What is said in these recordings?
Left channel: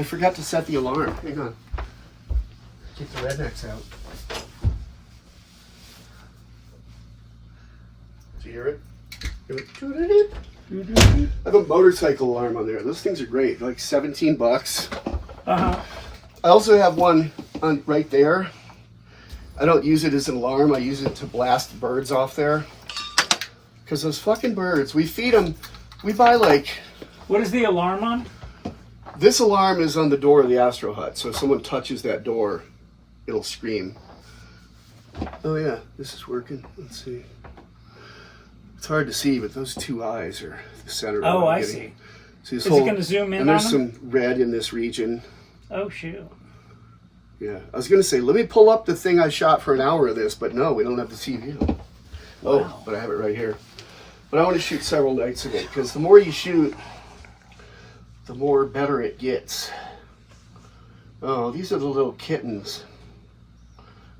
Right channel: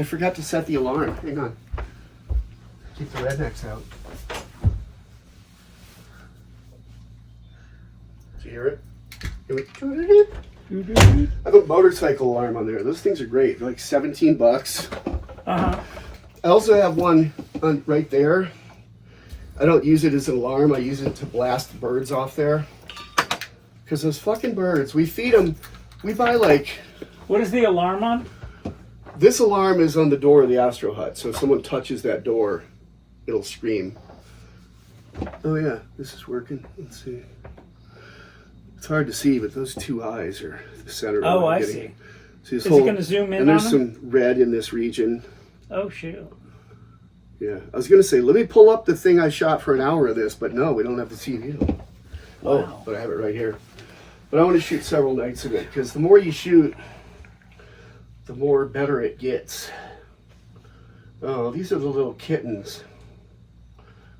I forgot to set the alarm. Hang on. Keep the rednecks out. Did you hear it? I have a motorcycle alarm on there. Those things are great. They're like $17. Uh-huh. I also have one on right there. I don't use it as an alarm. I use it to blast birds off there. Because those fucking birds, we feed them. We buy like... What is the alarm on? This alarm is on the door of the Astro Hut. So if someone touches that door, it'll scream. Oh yeah, this is working. Let's see. It's hard to see, but those two eyes are the center. Oh, of I see. Is it going to zoom in and on there's them? some red in this region. Oh, shoot. Yeah, I was going to say, let me pull up the thing I shot for an hour of this, but no, we don't have the CV. Wow. Oh, but I have it right here. But I want to shoot several nights of it, because the more you shoot, the more better it gets. Oh, these are the little kittens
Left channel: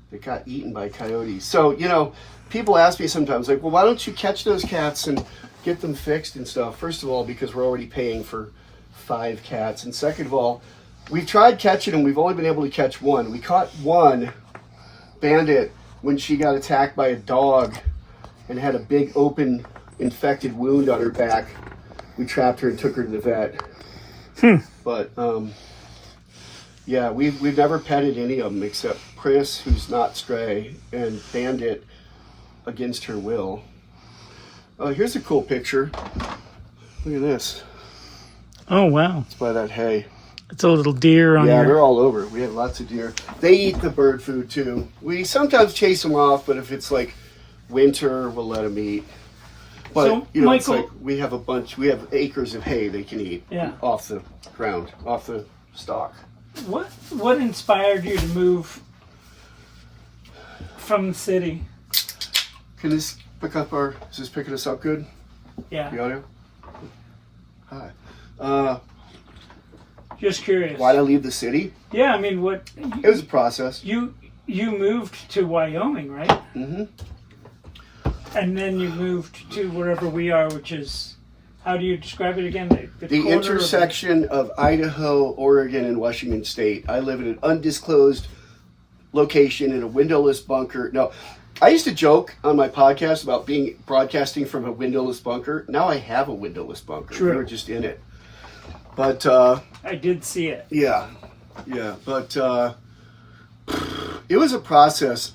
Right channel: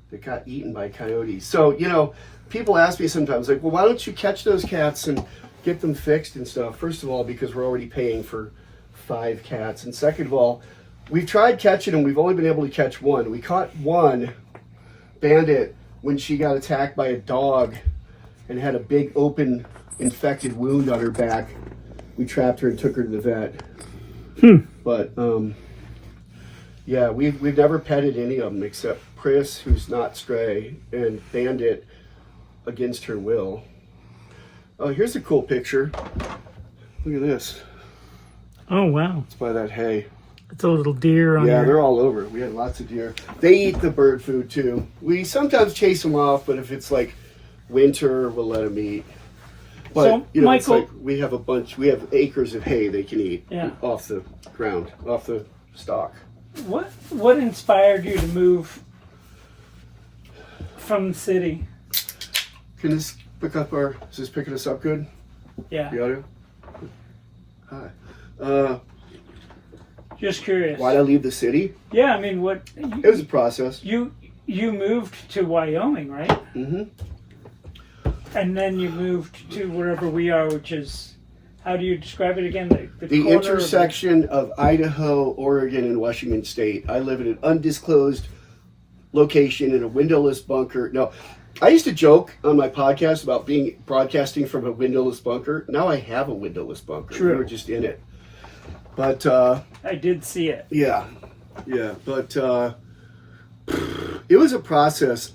that got eaten by coyotes. So, you know, people ask me sometimes, like, well, why don't you catch those cats and get them fixed and stuff? First of all, because we're already paying for 5 cats. And second of all, we've tried catching them. We've only been able to catch one. We caught one bandit when she got attacked by a dog and had a big open infected wound on her back. We trapped her and took her to the vet. But, yeah, we've never petted any of them except Chris, who's not stray, and Bandit against her will. Oh, here's a cool picture. Look at this. Oh, wow. It's by that hay. It's a little deer on Yeah, there. they're all over. We had lots of deer. They eat the bird food too. We sometimes chase them off, but if it's like winter, we'll let them eat. But, So, you know, Michael, it's like we have acres of hay they can eat off the ground, off the stalk. what inspired you to move from the city? Can this pick up is this picking us up good? Yeah. The audio? Hi. Just curious. Why'd I leave the city? Yeah, I mean, what? It was a process. You moved to Wyoming, right? Mm-hmm. And then you moved to wherever we are, which is, how do you describe it again? The corner intersection of Idaho, Oregon, and Washington State. I live in an undisclosed location in a windowless bunker. No, I used to joke on my podcast about broadcasting from a windowless bunker. Now I have a windowless bunker. True. We're just in it. But I did see it. yeah. But it was a process.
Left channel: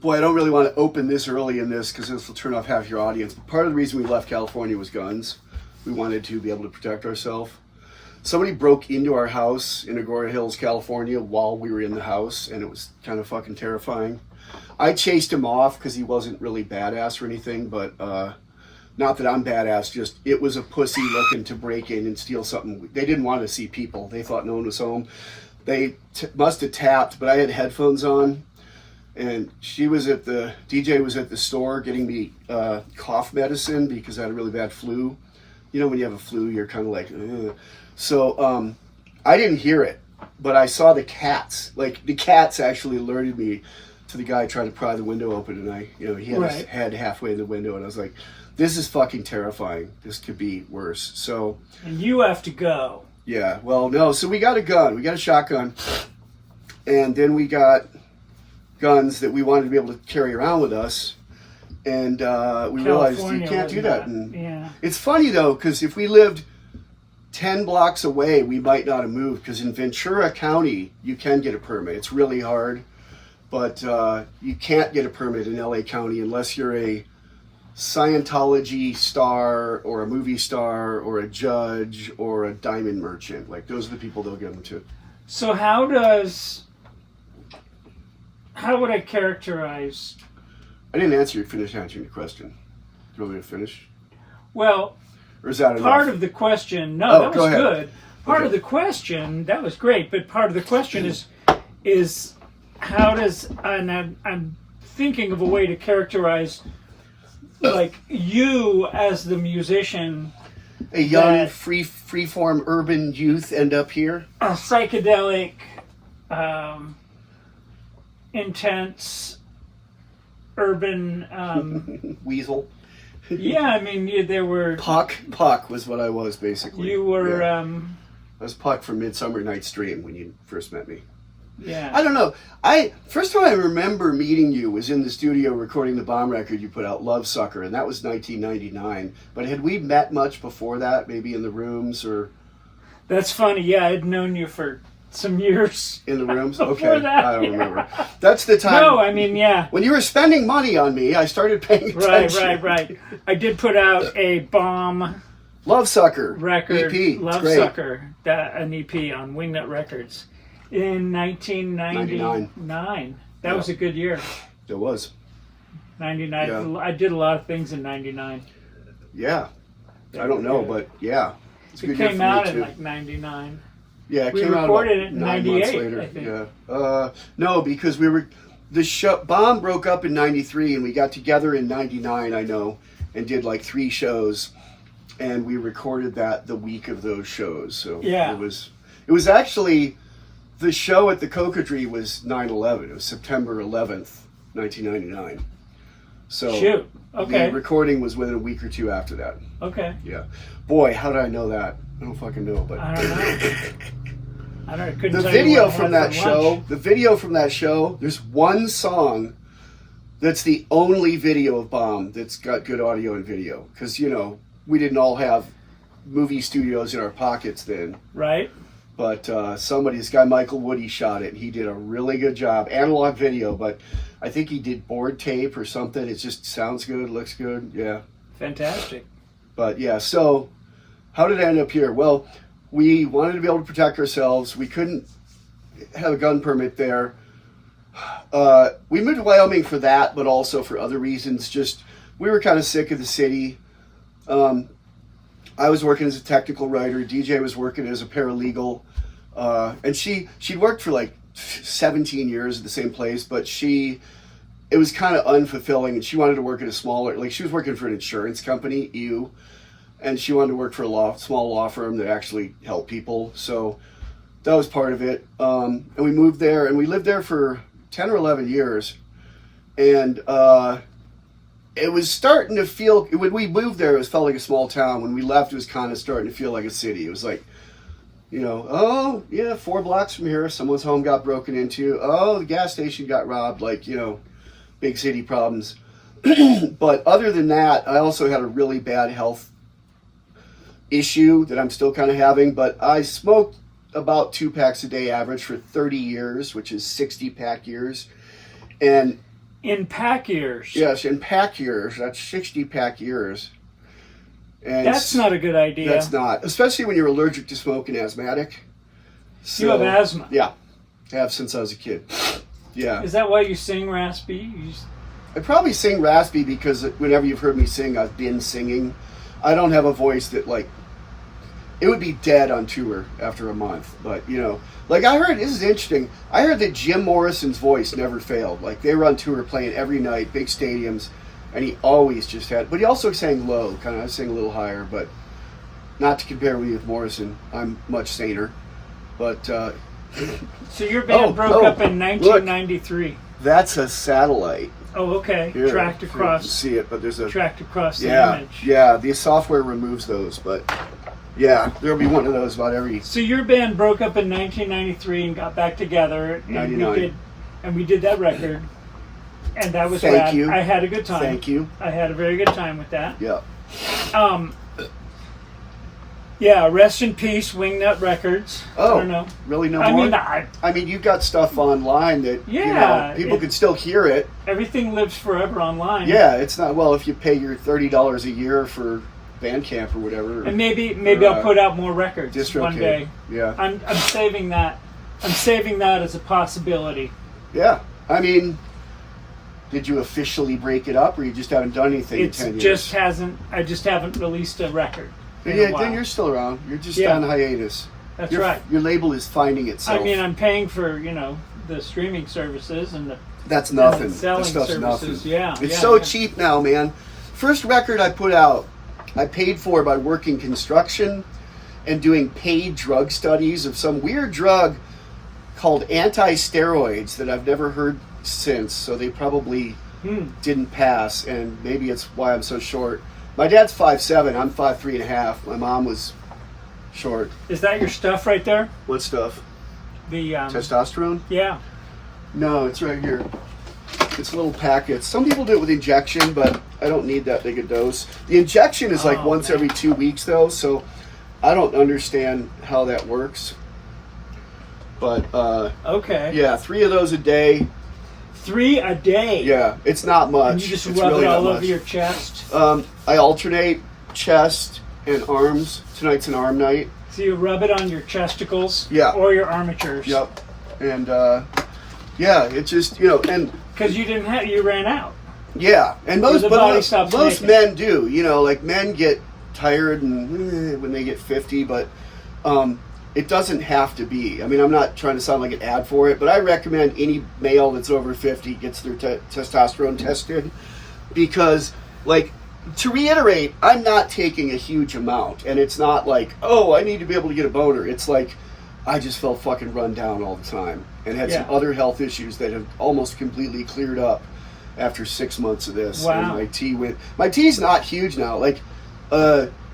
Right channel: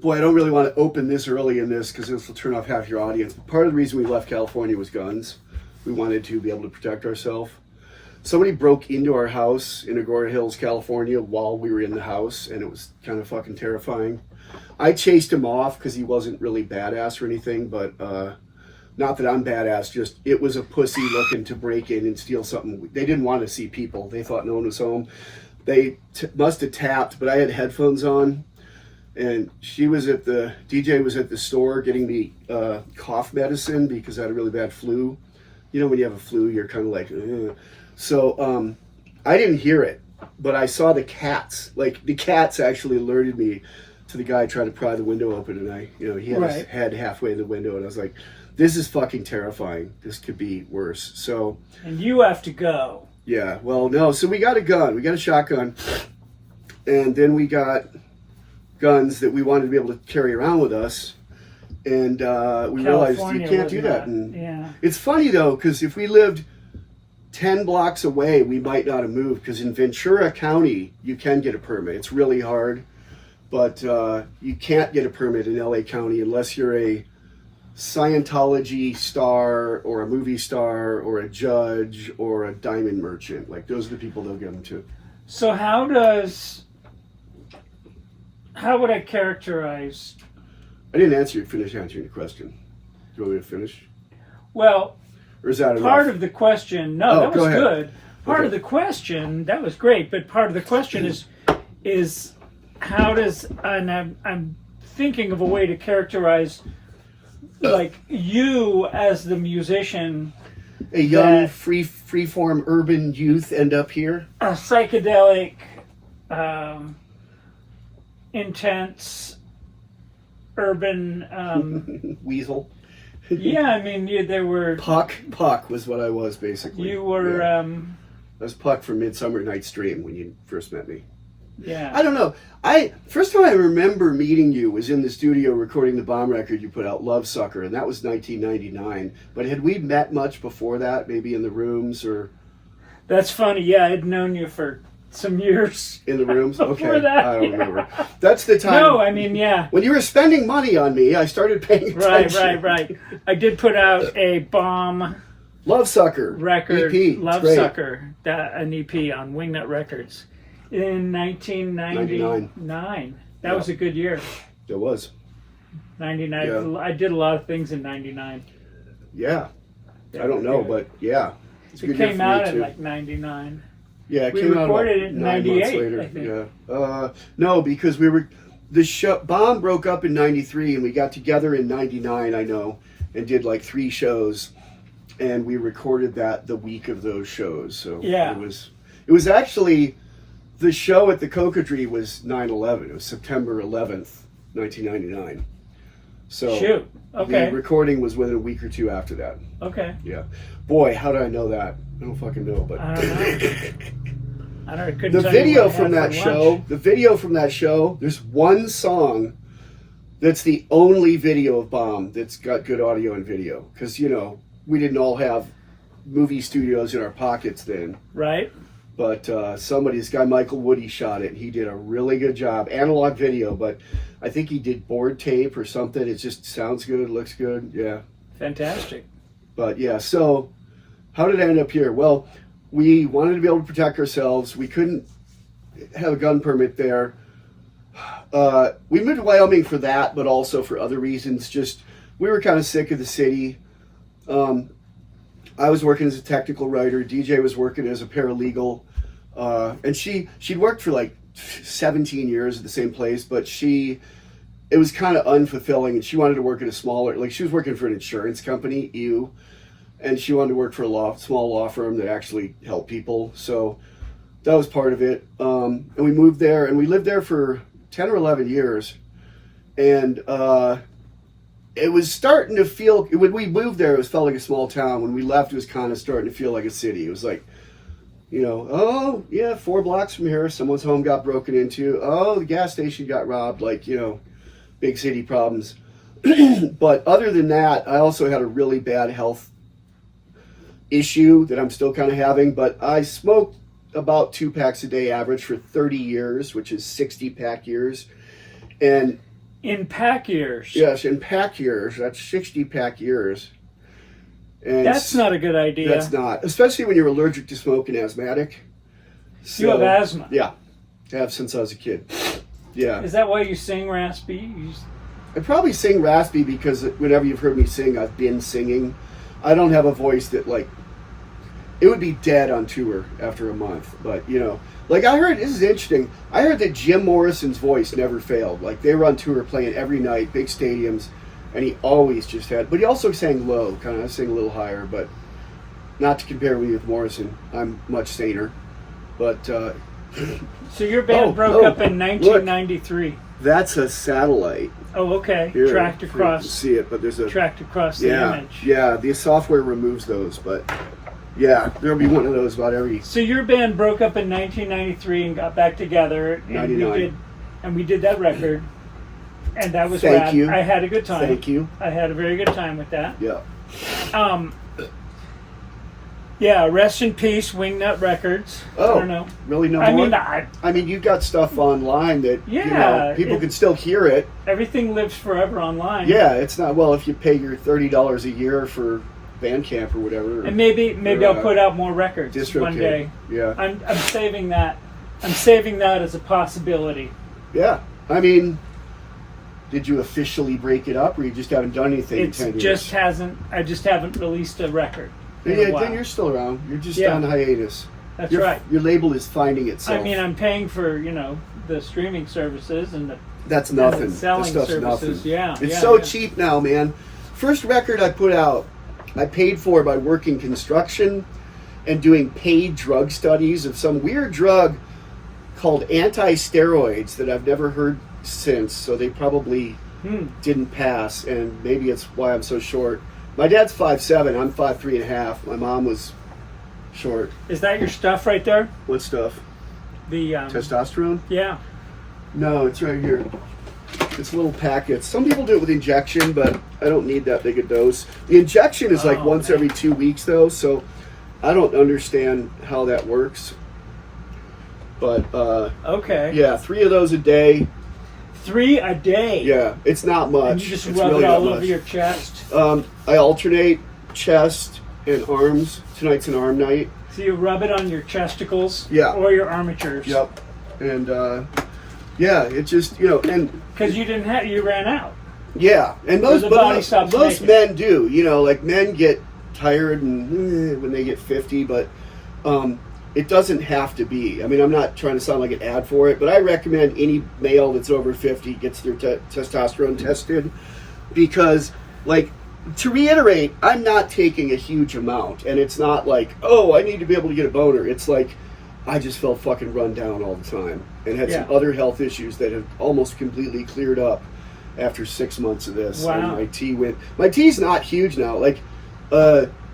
Boy, I don't really want to open this early in this because this will turn off half your audience. But part of the reason we left California was guns. We wanted to be able to protect ourselves. Somebody broke into our house in Agoura Hills, California while we were in the house, and it was kind of fucking terrifying. I chased him off because he wasn't really badass or anything, but not that I'm badass, just it was a pussy looking to break in and steal something. They didn't want to see people. They thought no one was home. They must have tapped, but I had headphones on. And DJ was at the store getting me cough medicine because I had a really bad flu. You know, when you have a flu, you're kind of like, ugh. So I didn't hear it, but I saw the cats. Like, the cats actually alerted me to the guy trying to pry the window open. And he had his head halfway in the window. And I was like, this is fucking terrifying. This could be worse. So. And you have to go. Yeah, well, no. So we got a gun. We got a shotgun. And then we got guns that we wanted to be able to carry around with us, and we realized you can't do that. And it's funny though, because if we lived 10 blocks away, we might not have moved, because in Ventura County you can get a permit. It's really hard, but you can't get a permit in LA County unless you're a Scientology star or a movie star or a judge or a diamond merchant. Like, those are the people they'll give them to. So how would I characterize? I didn't finish answering the question. Do you want me to finish? Well, or is that enough? Part of the question, that was good. Part of the question, that was great, but part of the question is how does, and I'm thinking of a way to characterize, like, you as the musician, a young, free-form urban youth end up here? A psychedelic, intense, urban... weasel. Yeah, I mean, there were... Puck was what I was, basically. You were I was Puck from Midsummer Night's Dream when you first met me. Yeah. I don't know. First time I remember meeting you was in the studio recording the Bomb record you put out, Love Sucker, and that was 1999. But had we met much before that, maybe in the rooms or? That's funny. Yeah, I'd known you for some years. In the rooms? Before Okay. that, I don't remember. That's the time. No, I mean, yeah. When you were spending money on me, I started paying attention. Right. I did put out a Bomb Love Sucker record, EP. Love Sucker, an EP on Wingnut Records in 1999. That was a good year. It was. 99. Yeah. I did a lot of things in 99. Yeah. I don't know, but yeah. It came out in like 99. Yeah, it we came out recorded like it in 9 98, months later. I think. Yeah. No, because the show, Bomb broke up in 93 and we got together in 99, I know, and did like 3 shows. And we recorded that the week of those shows. So yeah. It was actually, the show at the Cocodrie was 9/11. It was September 11th, 1999. So shoot. Okay. The recording was within a week or 2 after that. Okay. Yeah. Boy, how did I know that? I don't fucking know, but I don't know. I couldn't the tell you video what I from had that for show, lunch. the video from that show, there's one song that's the only video of Bomb that's got good audio and video. Because, we didn't all have movie studios in our pockets then. Right. But this guy Michael Woody shot it. He did a really good job. Analog video, but I think he did board tape or something. It just sounds good, looks good. Yeah. Fantastic. But yeah, so how did I end up here? Well, we wanted to be able to protect ourselves. We couldn't have a gun permit there. We moved to Wyoming for that, but also for other reasons. Just, we were kind of sick of the city. I was working as a technical writer. DJ was working as a paralegal. And she'd worked for like 17 years at the same place, but it was kind of unfulfilling, and she wanted to work at a smaller, like she was working for an insurance company, and she wanted to work for a small law firm that actually helped people. So that was part of it. And we moved there, and we lived there for 10 or 11 years. And it was starting to feel, when we moved there, it felt like a small town. When we left, it was kind of starting to feel like a city. It was like, 4 blocks from here, someone's home got broken into. Oh, the gas station got robbed, big city problems. But other than that, I also had a really bad health issue that I'm still kind of having. But I smoked about 2 packs a day average for 30 years, which is 60 pack years. And in pack years? Yes, in pack years. That's 60 pack years. And that's not a good idea. That's not, especially when you're allergic to smoke and asthmatic. So, you have asthma? Yeah, I have since I was a kid. Yeah. Is that why you sing raspy? I probably sing raspy because whenever you've heard me sing, I've been singing. I don't have a voice that it would be dead on tour after a month. But, I heard, this is interesting, I heard that Jim Morrison's voice never failed. They were on tour playing every night, big stadiums, and he always just had, but he also sang low, I sang a little higher, but not to compare me with Morrison. I'm much saner. But, so your band broke up in 1993. Look, that's a satellite. Oh, okay. Here, tracked across. You can see it, but there's a tracked across the image. Yeah, the software removes those, but yeah, there'll be one of those about every. So your band broke up in 1993 and got back together, and 99. we did that record, and that was Thank rad. you. I had a good time. Thank you. I had a very good time with that. Yeah. Yeah, rest in peace, Wingnut Records. Oh, I don't know. Really no I more? mean, I mean, you've got stuff online that people can still hear it. Everything lives forever online. Yeah, it's not, well, if you pay your $30 a year for Bandcamp or whatever. And maybe I'll put out more records one day. Yeah. I'm saving that. I'm saving that as a possibility. Yeah. I mean, did you officially break it up, or you just haven't done anything in 10 years? I just haven't released a record. Then you're still around. You're just on hiatus. That's right. Your label is finding itself. I mean, I'm paying for, the streaming services and that's nothing. And the selling this services. Nothing. Yeah. It's cheap now, man. First record I put out, I paid for by working construction and doing paid drug studies of some weird drug called anti-steroids that I've never heard since, so they probably didn't pass, and maybe it's why I'm so short. My dad's 5'7", I'm 5'3.5". My mom was short. Is that your stuff right there? What stuff? The testosterone? Yeah. No, it's right here. It's little packets. Some people do it with injection, but I don't need that big a dose. The injection is like once every 2 weeks, though, so I don't understand how that works. But, okay. Yeah, 3 of those a day. 3 a day? Yeah, it's not much. And you just it's rub really it all over your chest? I alternate chest and arms. Tonight's an arm night. So you rub it on your chesticles? Yeah. Or your armatures? Yep. And, yeah, it just, and... Because you ran out. Yeah, and most men do. Like men get tired and when they get 50, but it doesn't have to be. I mean, I'm not trying to sound like an ad for it, but I recommend any male that's over 50 gets their testosterone tested because, like, to reiterate, I'm not taking a huge amount, and it's not like, oh, I need to be able to get a boner. It's like, I just felt fucking run down all the time and had some other health issues that have almost completely cleared up after 6 months of this. Wow. And my T's not huge now. Like,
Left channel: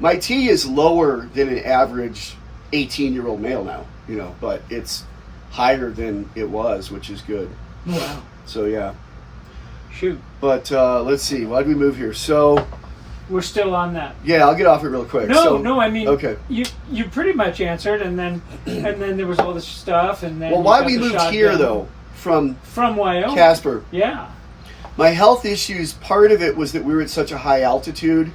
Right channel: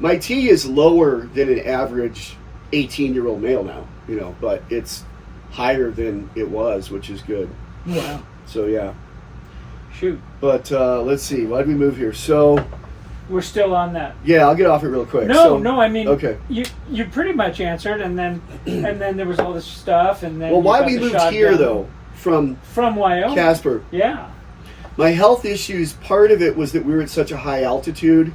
my T is lower than an average 18-year-old male now, but it's higher than it was, which is good. Wow. So, yeah. Shoot. But let's see. Why did we move here? So... We're still on that. Yeah, I'll get off it real quick. No, I mean, okay. You pretty much answered, and then there was all this stuff, and then why we moved here though from Wyoming, Casper? Yeah, my health issues. Part of it was that we were at such a high altitude.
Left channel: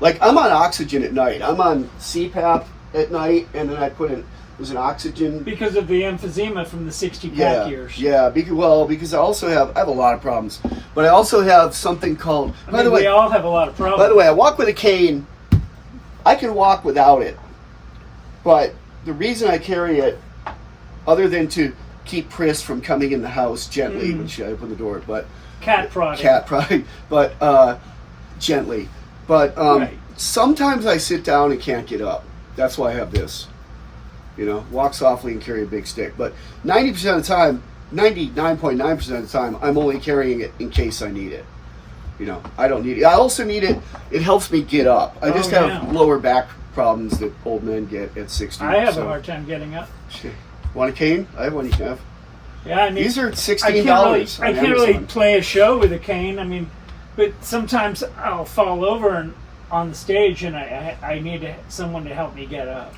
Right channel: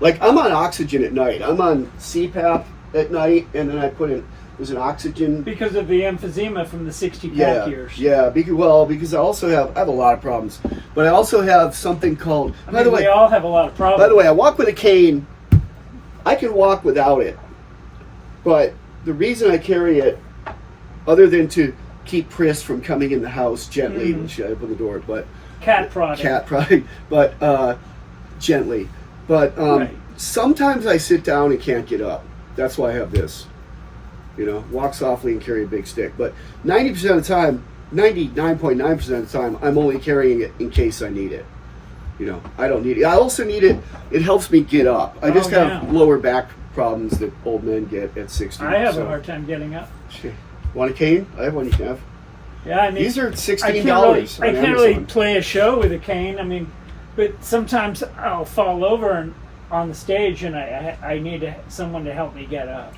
Like I'm on oxygen at night. I'm on CPAP at night, and then I put in there's an oxygen because of the emphysema from the 60-pack years. Yeah, because I also have a lot of problems, but I also have something called. By the way, we all have a lot of problems. By the way, I walk with a cane. I can walk without it, but the reason I carry it, other than to keep Pris from coming in the house gently when she opened the door, but cat prodding, but gently. But sometimes I sit down and can't get up. That's why I have this. Walk softly and carry a big stick. But 90% of the time, 99.9% of the time, I'm only carrying it in case I need it. I don't need it. I also need it. It helps me get up. I just have lower back problems that old men get at 60. I have a hard time getting up. Want a cane? I have one you can have. Yeah, I mean, these are $16. I can't really play a show with a cane. I mean, but sometimes I'll fall over on the stage, and I need someone to help me get up.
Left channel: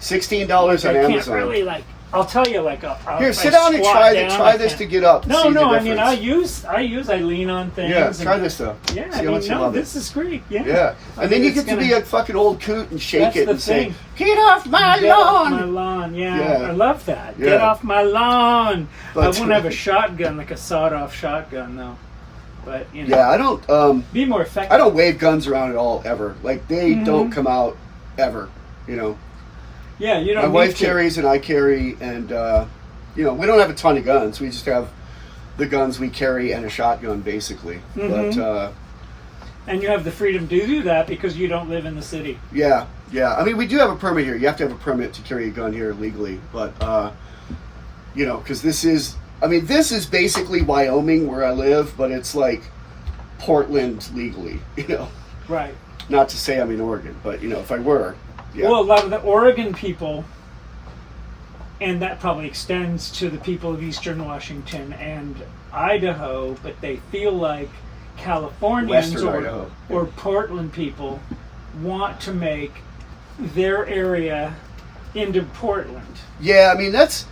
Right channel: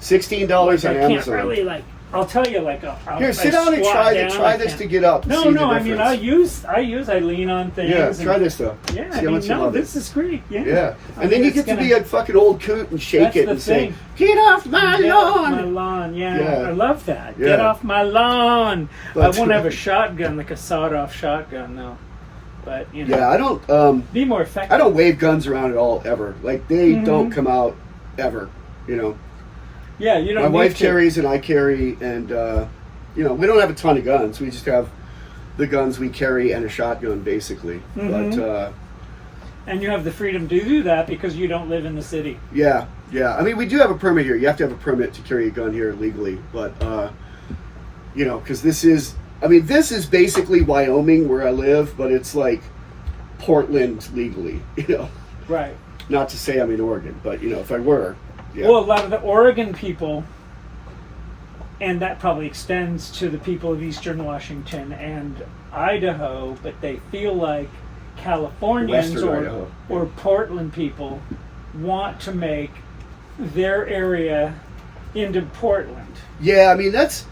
$16 on Amazon. I can't really I'll tell you here, sit down and try this to get up. No, I mean I lean on things. Yeah, try this though. Yeah, this is great. Yeah. And then you get to be a fucking old coot and shake it and say, "Get off my lawn!" Get off my lawn. Yeah, I love that. Yeah. Get off my lawn. I won't have a shotgun like a sawed-off shotgun though. But yeah, I don't be more effective. I don't wave guns around at all ever. Like they don't come out ever. Yeah, you don't. My wife carries and I carry, and we don't have a ton of guns. We just have the guns we carry and a shotgun, basically. But and you have the freedom to do that because you don't live in the city. Yeah. I mean, we do have a permit here. You have to have a permit to carry a gun here legally, but because this is basically Wyoming where I live, but it's like Portland legally. Right. Not to say I'm in Oregon, but if I were. Yeah. Well, a lot of the Oregon people, and that probably extends to the people of Eastern Washington and Idaho, but they feel like Californians or Portland people want to make their area into Portland. Yeah, I mean that's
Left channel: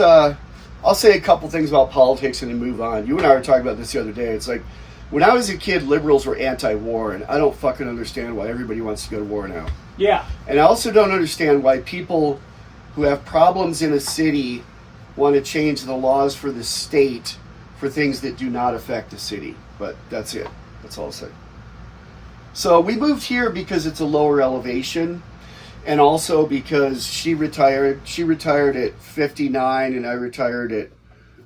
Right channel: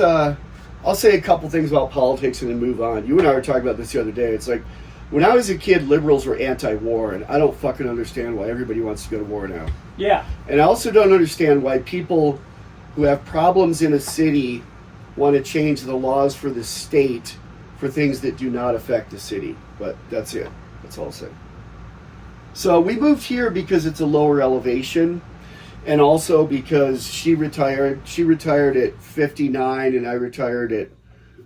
I'll say a couple things about politics and then move on. You and I were talking about this the other day. It's like when I was a kid, liberals were anti-war, and I don't fucking understand why everybody wants to go to war now. Yeah. And I also don't understand why people who have problems in a city want to change the laws for the state for things that do not affect the city. But that's it. That's all I'll say. So we moved here because it's a lower elevation, and also because she retired. She retired at 59, and I retired at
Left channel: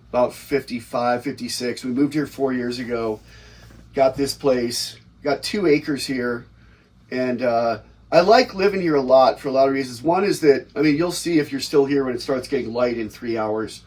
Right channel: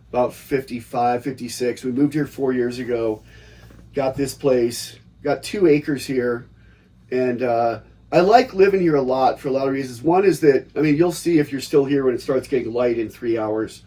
about 55, 56. We moved here 4 years ago. Got this place, got 2 acres here, and I like living here a lot for a lot of reasons. One is that, I mean, you'll see if you're still here when it starts getting light in 3 hours.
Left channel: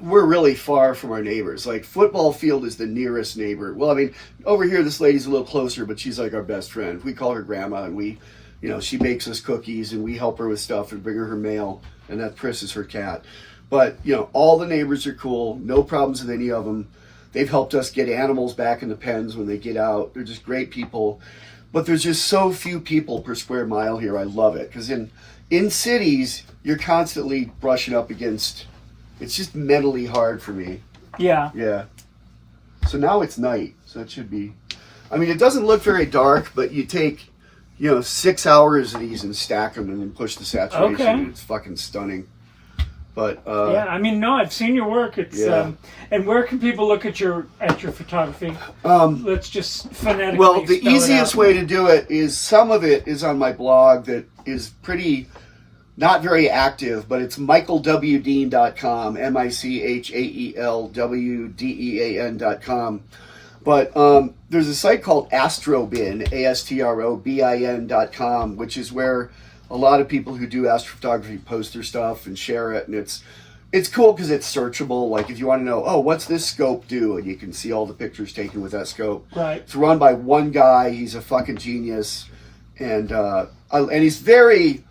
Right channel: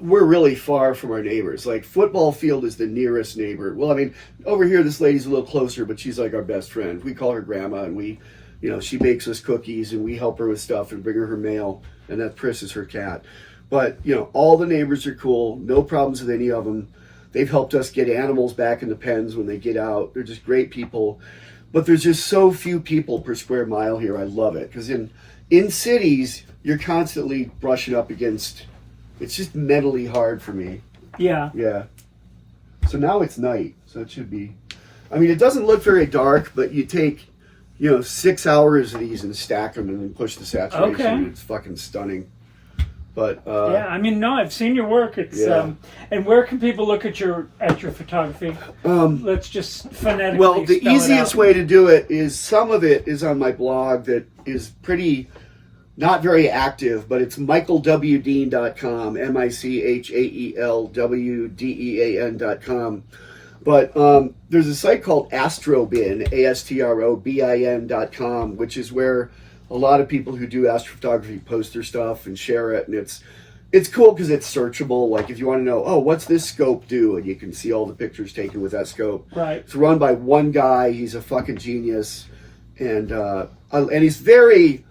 we're really far from our neighbors. Like, football field is the nearest neighbor. Well, I mean, over here, this lady's a little closer, but she's like our best friend. We call her Grandma, and we, you know, she bakes us cookies, and we help her with stuff and bring her mail, and that Pris is her cat. But, you know, all the neighbors are cool. No problems with any of them. They've helped us get animals back in the pens when they get out. They're just great people. But there's just so few people per square mile here. I love it. Because in cities, you're constantly brushing up against... It's just mentally hard for me. Yeah. Yeah. So now it's night. So it should be... I mean, it doesn't look very dark, but you take, you know, 6 hours of these and stack them and then push the saturation. Okay. It's fucking stunning. But yeah, I mean, no, I've seen your work. It's and where can people look at your photography? Let's just phonetically. Well, the spell easiest it out. way to do it is some of it is on my blog that is pretty not very active, but it's michaelwdean.com, MichaelWdean.com. But there's a site called Astrobin, ASTROBIN.com, which is where a lot of people who do astrophotography post their stuff and share it, and it's cool because it's searchable. Like, if you want to know, oh, what's this scope do, and you can see all the pictures taken with that scope. Right. It's run by one guy. He's a fucking genius, and he's very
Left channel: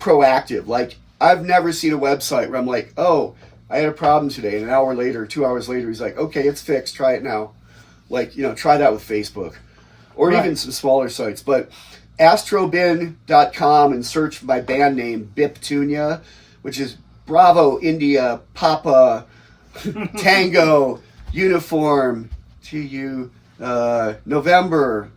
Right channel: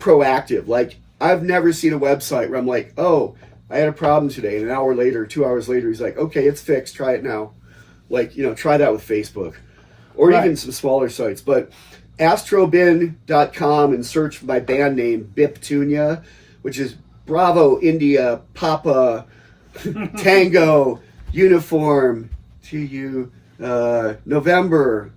proactive. Like, I've never seen a website where I'm like, oh, I had a problem today, and an hour later, 2 hours later, he's like, okay, it's fixed. Try it now. Like, you know, try that with Facebook, or even some smaller sites, but. Astrobin.com and search my band name Biptunia, which is Bravo, India, Papa, Tango, Uniform, TU, November,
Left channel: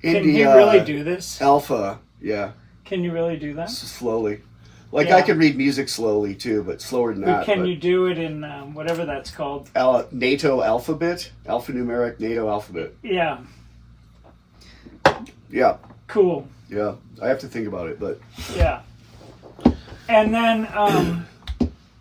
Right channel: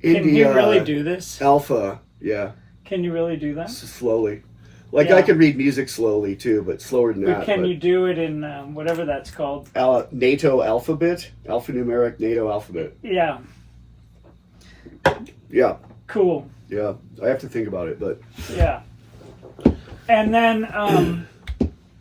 India. Can you really do this? Alpha, yeah. Can you really do that? Slowly. Like, I can read music slowly too, but slower than that. Can you do it in whatever that's called? NATO alphabet? Alphanumeric NATO alphabet. Yeah. Yeah. Cool. Yeah, I have to think about it, but... Yeah. And then...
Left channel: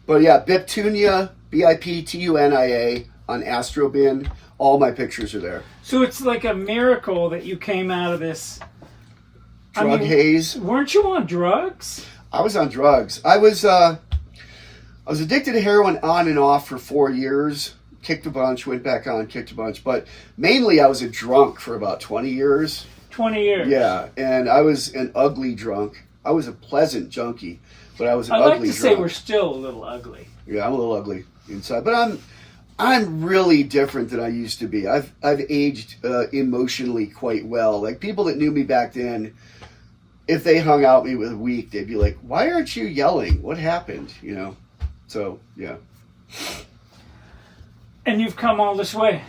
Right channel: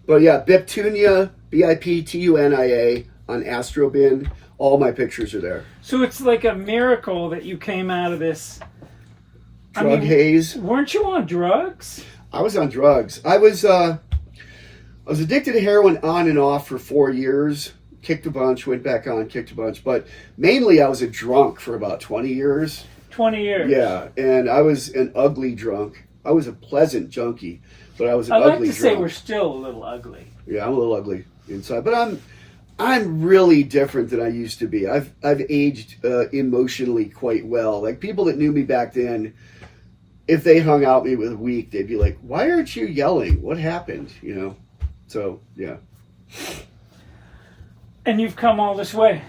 But yeah, Biptunia, Biptunia on Astrobin. All my pictures are there. So it's like a miracle that you came out of this... Drug haze. Weren't you on drugs? I was on drugs. I was addicted to heroin on and off for 4 years. Kicked a bunch, went back on, kicked a bunch. But mainly I was a drunk for about 20 years. 20 years. Yeah, and I was an ugly drunk. I was a pleasant junkie, but I was an ugly drunk. I like to say we're still a little ugly. Yeah, I'm a little ugly inside, but I'm really different than I used to be. I've aged emotionally quite well. Like, people that knew me back then, if they hung out me with a week, they'd be like, "Why aren't you yelling? What happened?" You know. So yeah. And you've come all this way.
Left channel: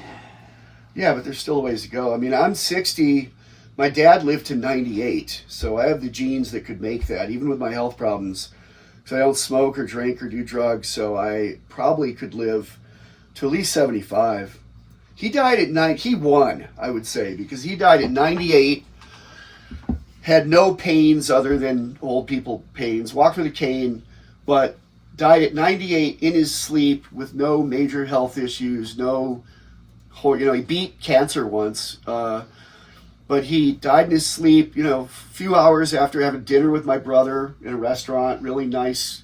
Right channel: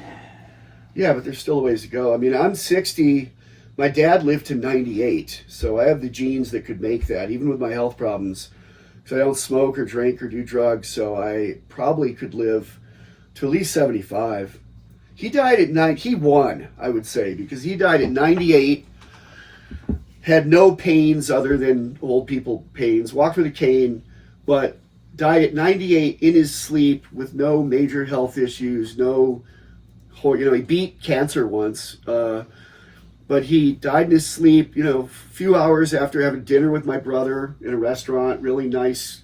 Yeah, but there's still a ways to go. I mean, I'm 60. My dad lived to 98, so I have the genes that could make that, even with my health problems. So I don't smoke or drink or do drugs, so I probably could live to at least 75. He died at 9. He won, I would say, because he died at 98, had no pains other than old people pains, walked with a cane, but died at 98 in his sleep with no major health issues, no, you know, he beat cancer once, but he died in his sleep, you know, a few hours after having dinner with my brother in a restaurant. Really nice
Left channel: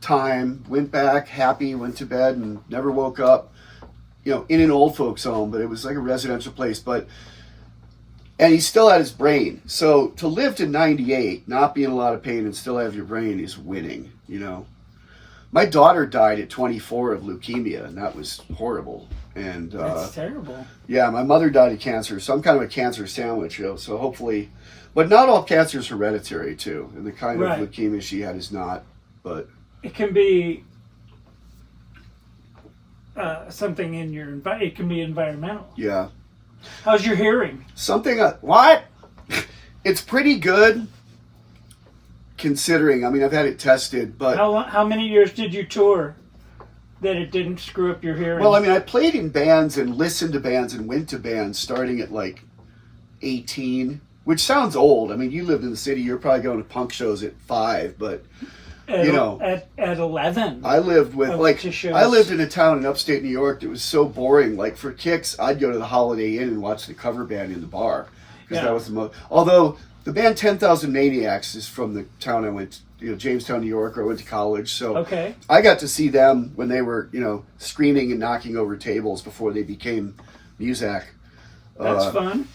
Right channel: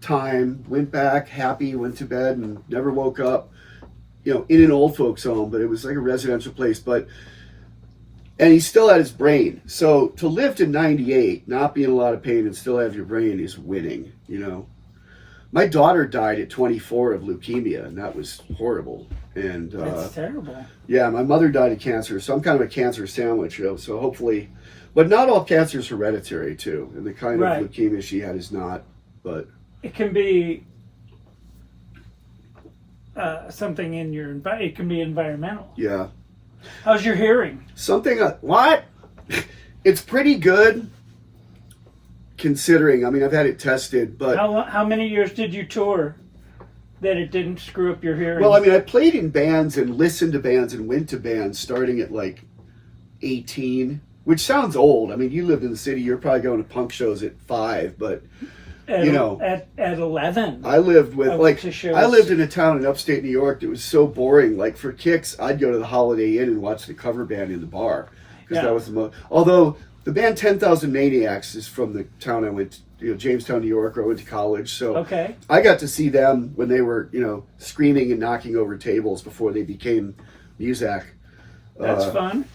time. Went back happy, went to bed, and never woke up, you know, in an old folks home, but it was like a residential place. And he still had his brain. So to live to 98, not be in a lot of pain and still have your brain is winning, you know. My daughter died at 24 of leukemia, and that was horrible. And that's terrible. Yeah, my mother died of cancer, so I'm kind of a cancer sandwich, you know. So hopefully, but not all cancer is hereditary too, and the kind of leukemia she had is not. But it can be something in your it can be environmental. Yeah. How's your hearing? What? It's pretty good. Considering, I mean, I've had it tested, but... How many years did you tour that it didn't screw up your hearing? Well, I mean, I played in bands and listened to bands and went to bands starting at like 18, which sounds old. I mean, you lived in the city, you're probably going to punk shows at 5, but, you know... At 11. I lived with, I lived in a town in upstate New York that was so boring. Like, for kicks, I'd go to the Holiday Inn and watch the cover band in the bar. Because that was the most... Although... the band 10,000 Maniacs is from the town I went to, Jamestown, New York, where I went to college. So okay. I got to see them when they were, screaming and knocking over tables before they became Muzak. That's fun.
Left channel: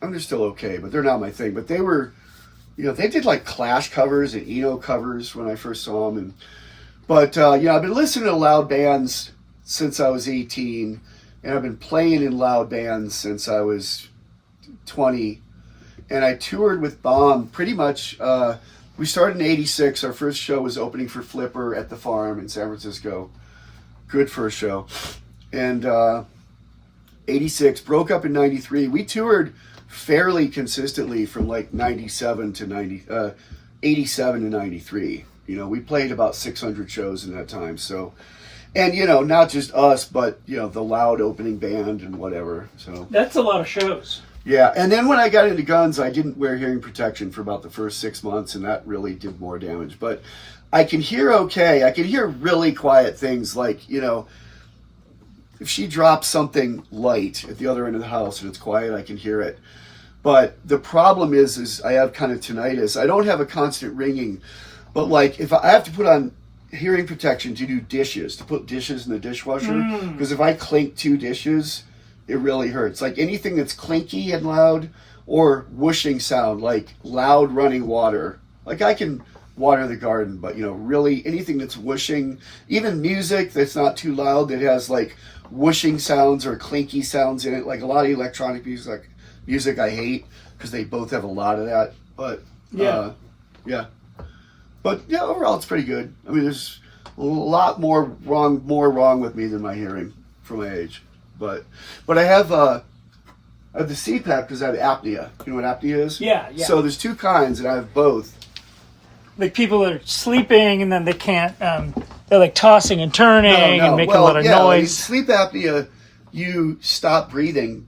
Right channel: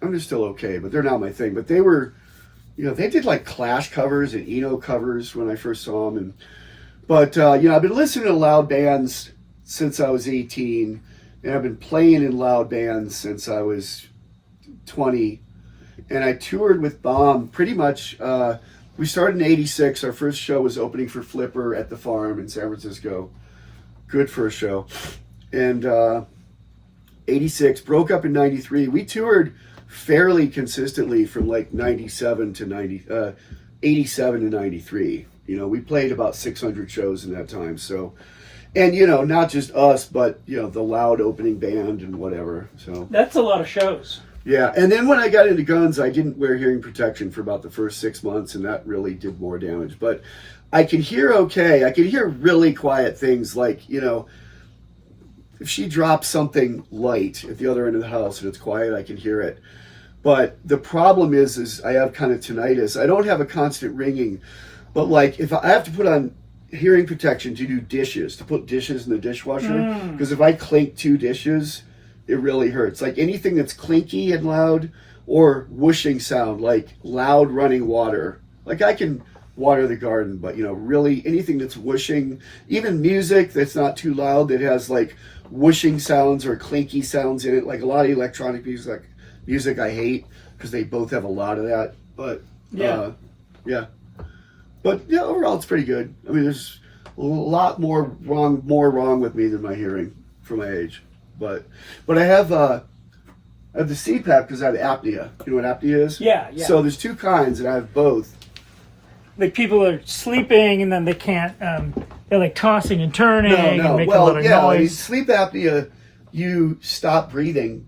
They're still okay, but they're not my thing. But they were, they did like Clash covers and Eno covers when I first saw them. But I've been listening to loud bands since I was 18, and I've been playing in loud bands since I was 20. And I toured with Bomb pretty much. We started in '86. Our first show was opening for Flipper at the Farm in San Francisco. Good first show. And '86, broke up in '93. We toured fairly consistently from like 97 to 87 to 93. We played about 600 shows in that time. So, and not just us, but the loud opening band and whatever. So that's a lot of shows. Yeah, and then when I got into guns, I didn't wear hearing protection for about the first 6 months, and that really did more damage. But I can hear okay. I can hear really quiet things like, if she drops something light at the other end of the house and it's quiet, I can hear it. But the problem is I have kind of tinnitus. I don't have a constant ringing, but like if I have to put on hearing protection to do dishes, to put dishes in the dishwasher, because if I clink 2 dishes, it really hurts. Like anything that's clinky and loud or whooshing sound, like loud running water. Like I can water the garden, but really anything that's whooshing, even music that's not too loud, that has like whooshing sounds or clinky sounds in it, like a lot of electronic music I hate because they both have a lot of that. But but overall it's pretty good. I mean, there's a lot more wrong with me than my hearing for my age. But I have the CPAP because I have apnea. You know what apnea is? Yeah. So there's 2 kinds, and I have both. Like people are sleeping and then they can't. They're like tossing and turning and making a lot of noise. Like sleep apnea, you stop breathing,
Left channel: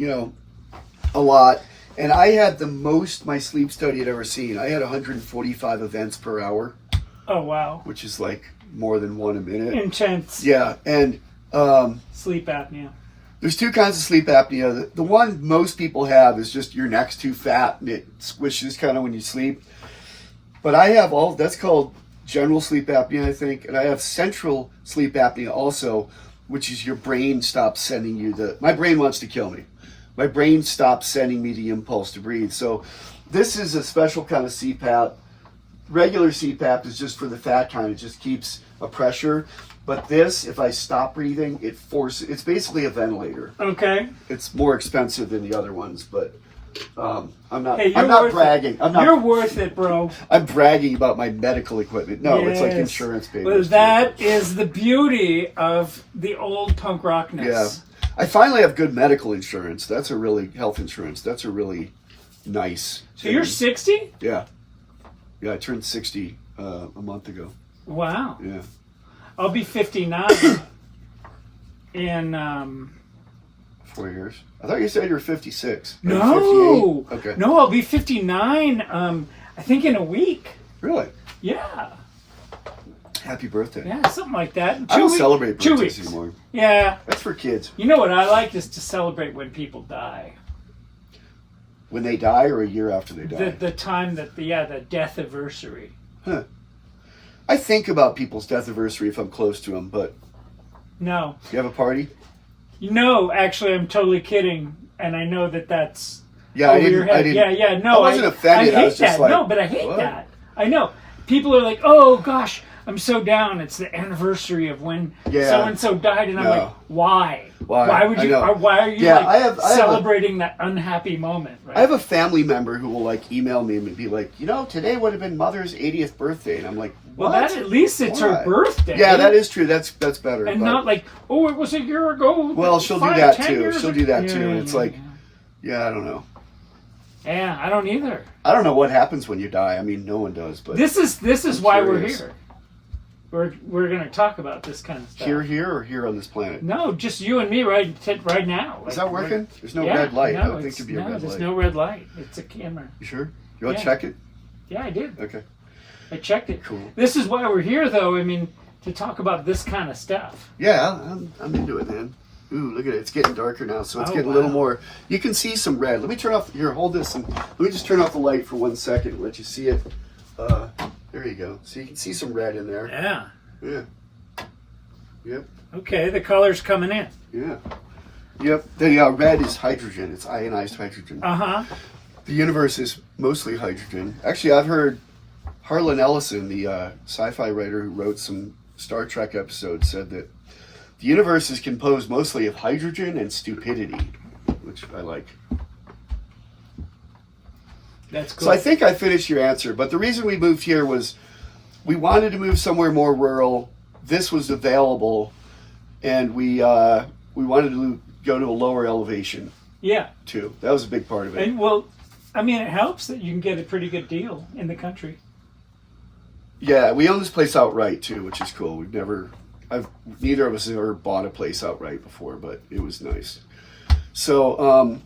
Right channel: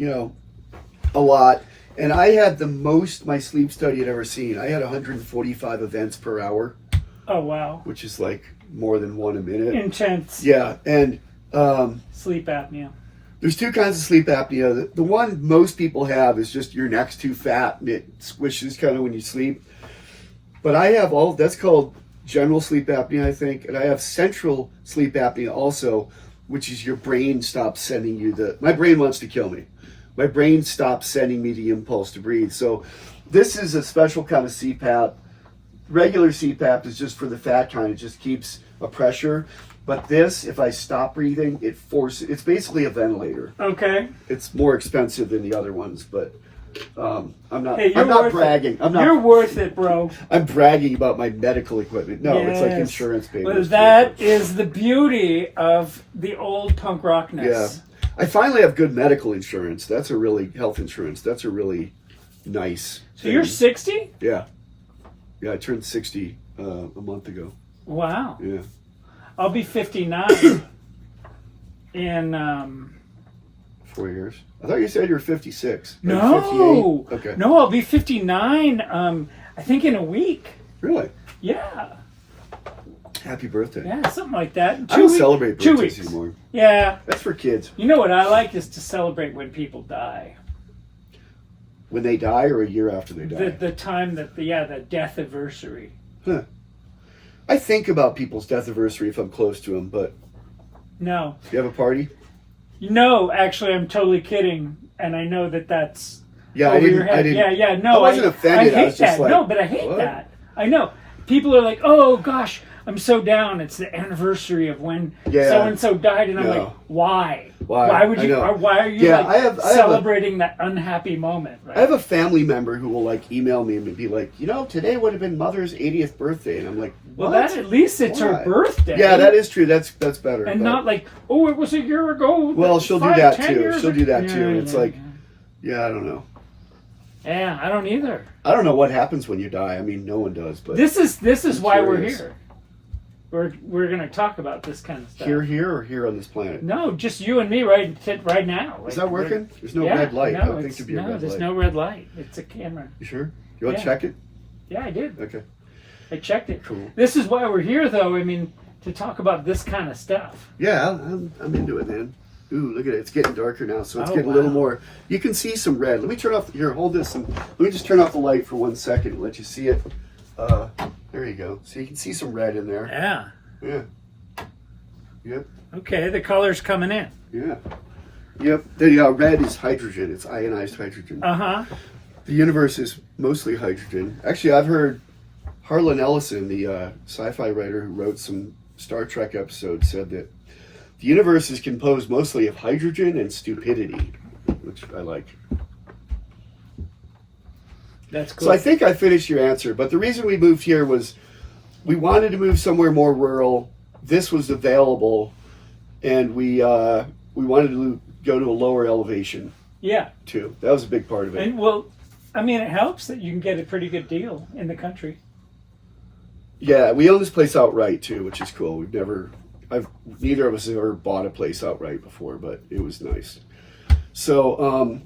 a lot. And I had the most my sleep study had ever seen. I had 145 events per hour. Oh wow! Which is like more than 1 a minute. Intense. Yeah, and sleep apnea. There's 2 kinds of sleep apnea. The one most people have is just your neck's too fat and it squishes kind of when you sleep. But I have that's called general sleep apnea, I think, and I have central sleep apnea also, which is your brain stops sending you my brain wants to kill me. My brain stops sending me the impulse to breathe. So this is a special kind of CPAP. Regular CPAP is just for the fat kind. It just keeps a pressure. But this, if I stop breathing, it's basically a ventilator. Okay. It's more expensive than the other ones, but I'm not bragging. You're worth it, bro. I'm bragging about my medical equipment. No, yes. It's like insurance payments. Well, that is the beauty of the old punk rockness. Yeah. I finally have good medical insurance. That's a really health insurance. That's a really nice. So you're 60? Yeah. Yeah, I turned 60 a month ago. Wow. Yeah. I'll be 59 in 4 years. I thought you said you were 56. No. 58? Okay. No, I'll be 59 I think in a week. Really? Yeah. Happy birthday. Yeah, something like that. I don't celebrate birthdays anymore. Yeah. That's for kids. You know what I like is to celebrate when people die. When they die or a year after they die? The time that, the death anniversary. Huh. I think about people's death anniversary if I'm close to them, but... No. You have a party? No, actually, I'm totally kidding. And I know that's over your head. Yeah, no. I wasn't offended. I hate that. No, but I hate that. I know. People are like, oh, gosh, I'm so down. It's the anniversary of when so-and-so died. And I'm like, why? Why would you? Why are you celebrating that unhappy moment? Right? I have a family member who will email me and be like, today would have been Mother's 80th birthday, and I'm like, what? Well, at least it's her birthday. Yeah, that is true. That's better. And not like, oh, it was a year ago. Well, she'll do that too. She'll do that too. It's like, I don't know. Yeah, I don't either. I don't know what happens when you die. I mean, no one does. But this is why we're here. We're going to talk about this kind of stuff. Here or here on this planet? No, just you and me right now. Is that working? There's no red light. I don't think there'd be a red light. No, there's no red light. It's a camera. You sure? You want to check it? Yeah, I did. Okay. I checked it. Cool. This is why we're here, though. I mean, to talk about this kind of stuff. Yeah, I'm into it, man. Ooh, look at it. It's getting darker now, so it's getting a little more. You can see some red. Let me turn off. Here, hold this. And let me just turn off the light for 1 second and let you see it. There you go. So you can see some red in there. Yeah. Yeah. Yep. Okay, the color's coming in. Yeah. Yep. The red is hydrogen. It's ionized hydrogen. Uh-huh. The universe is mostly hydrogen. Actually, I've heard Harlan Ellison, the sci-fi writer who wrote some Star Trek episodes, said that the universe is composed mostly of hydrogen and stupidity, which I like. That's cool. So I think I finished your answer, but the reason we moved here was we wanted to move somewhere more rural. This was available, and we wanted to go to a lower elevation. Yeah. Too. That was a big part of it. And well, I mean, it helps that you can get a pretty good deal in the country. Yeah, we own this place outright too, which is cool. Neither of us have ever bought a place outright before, but it was nice. So,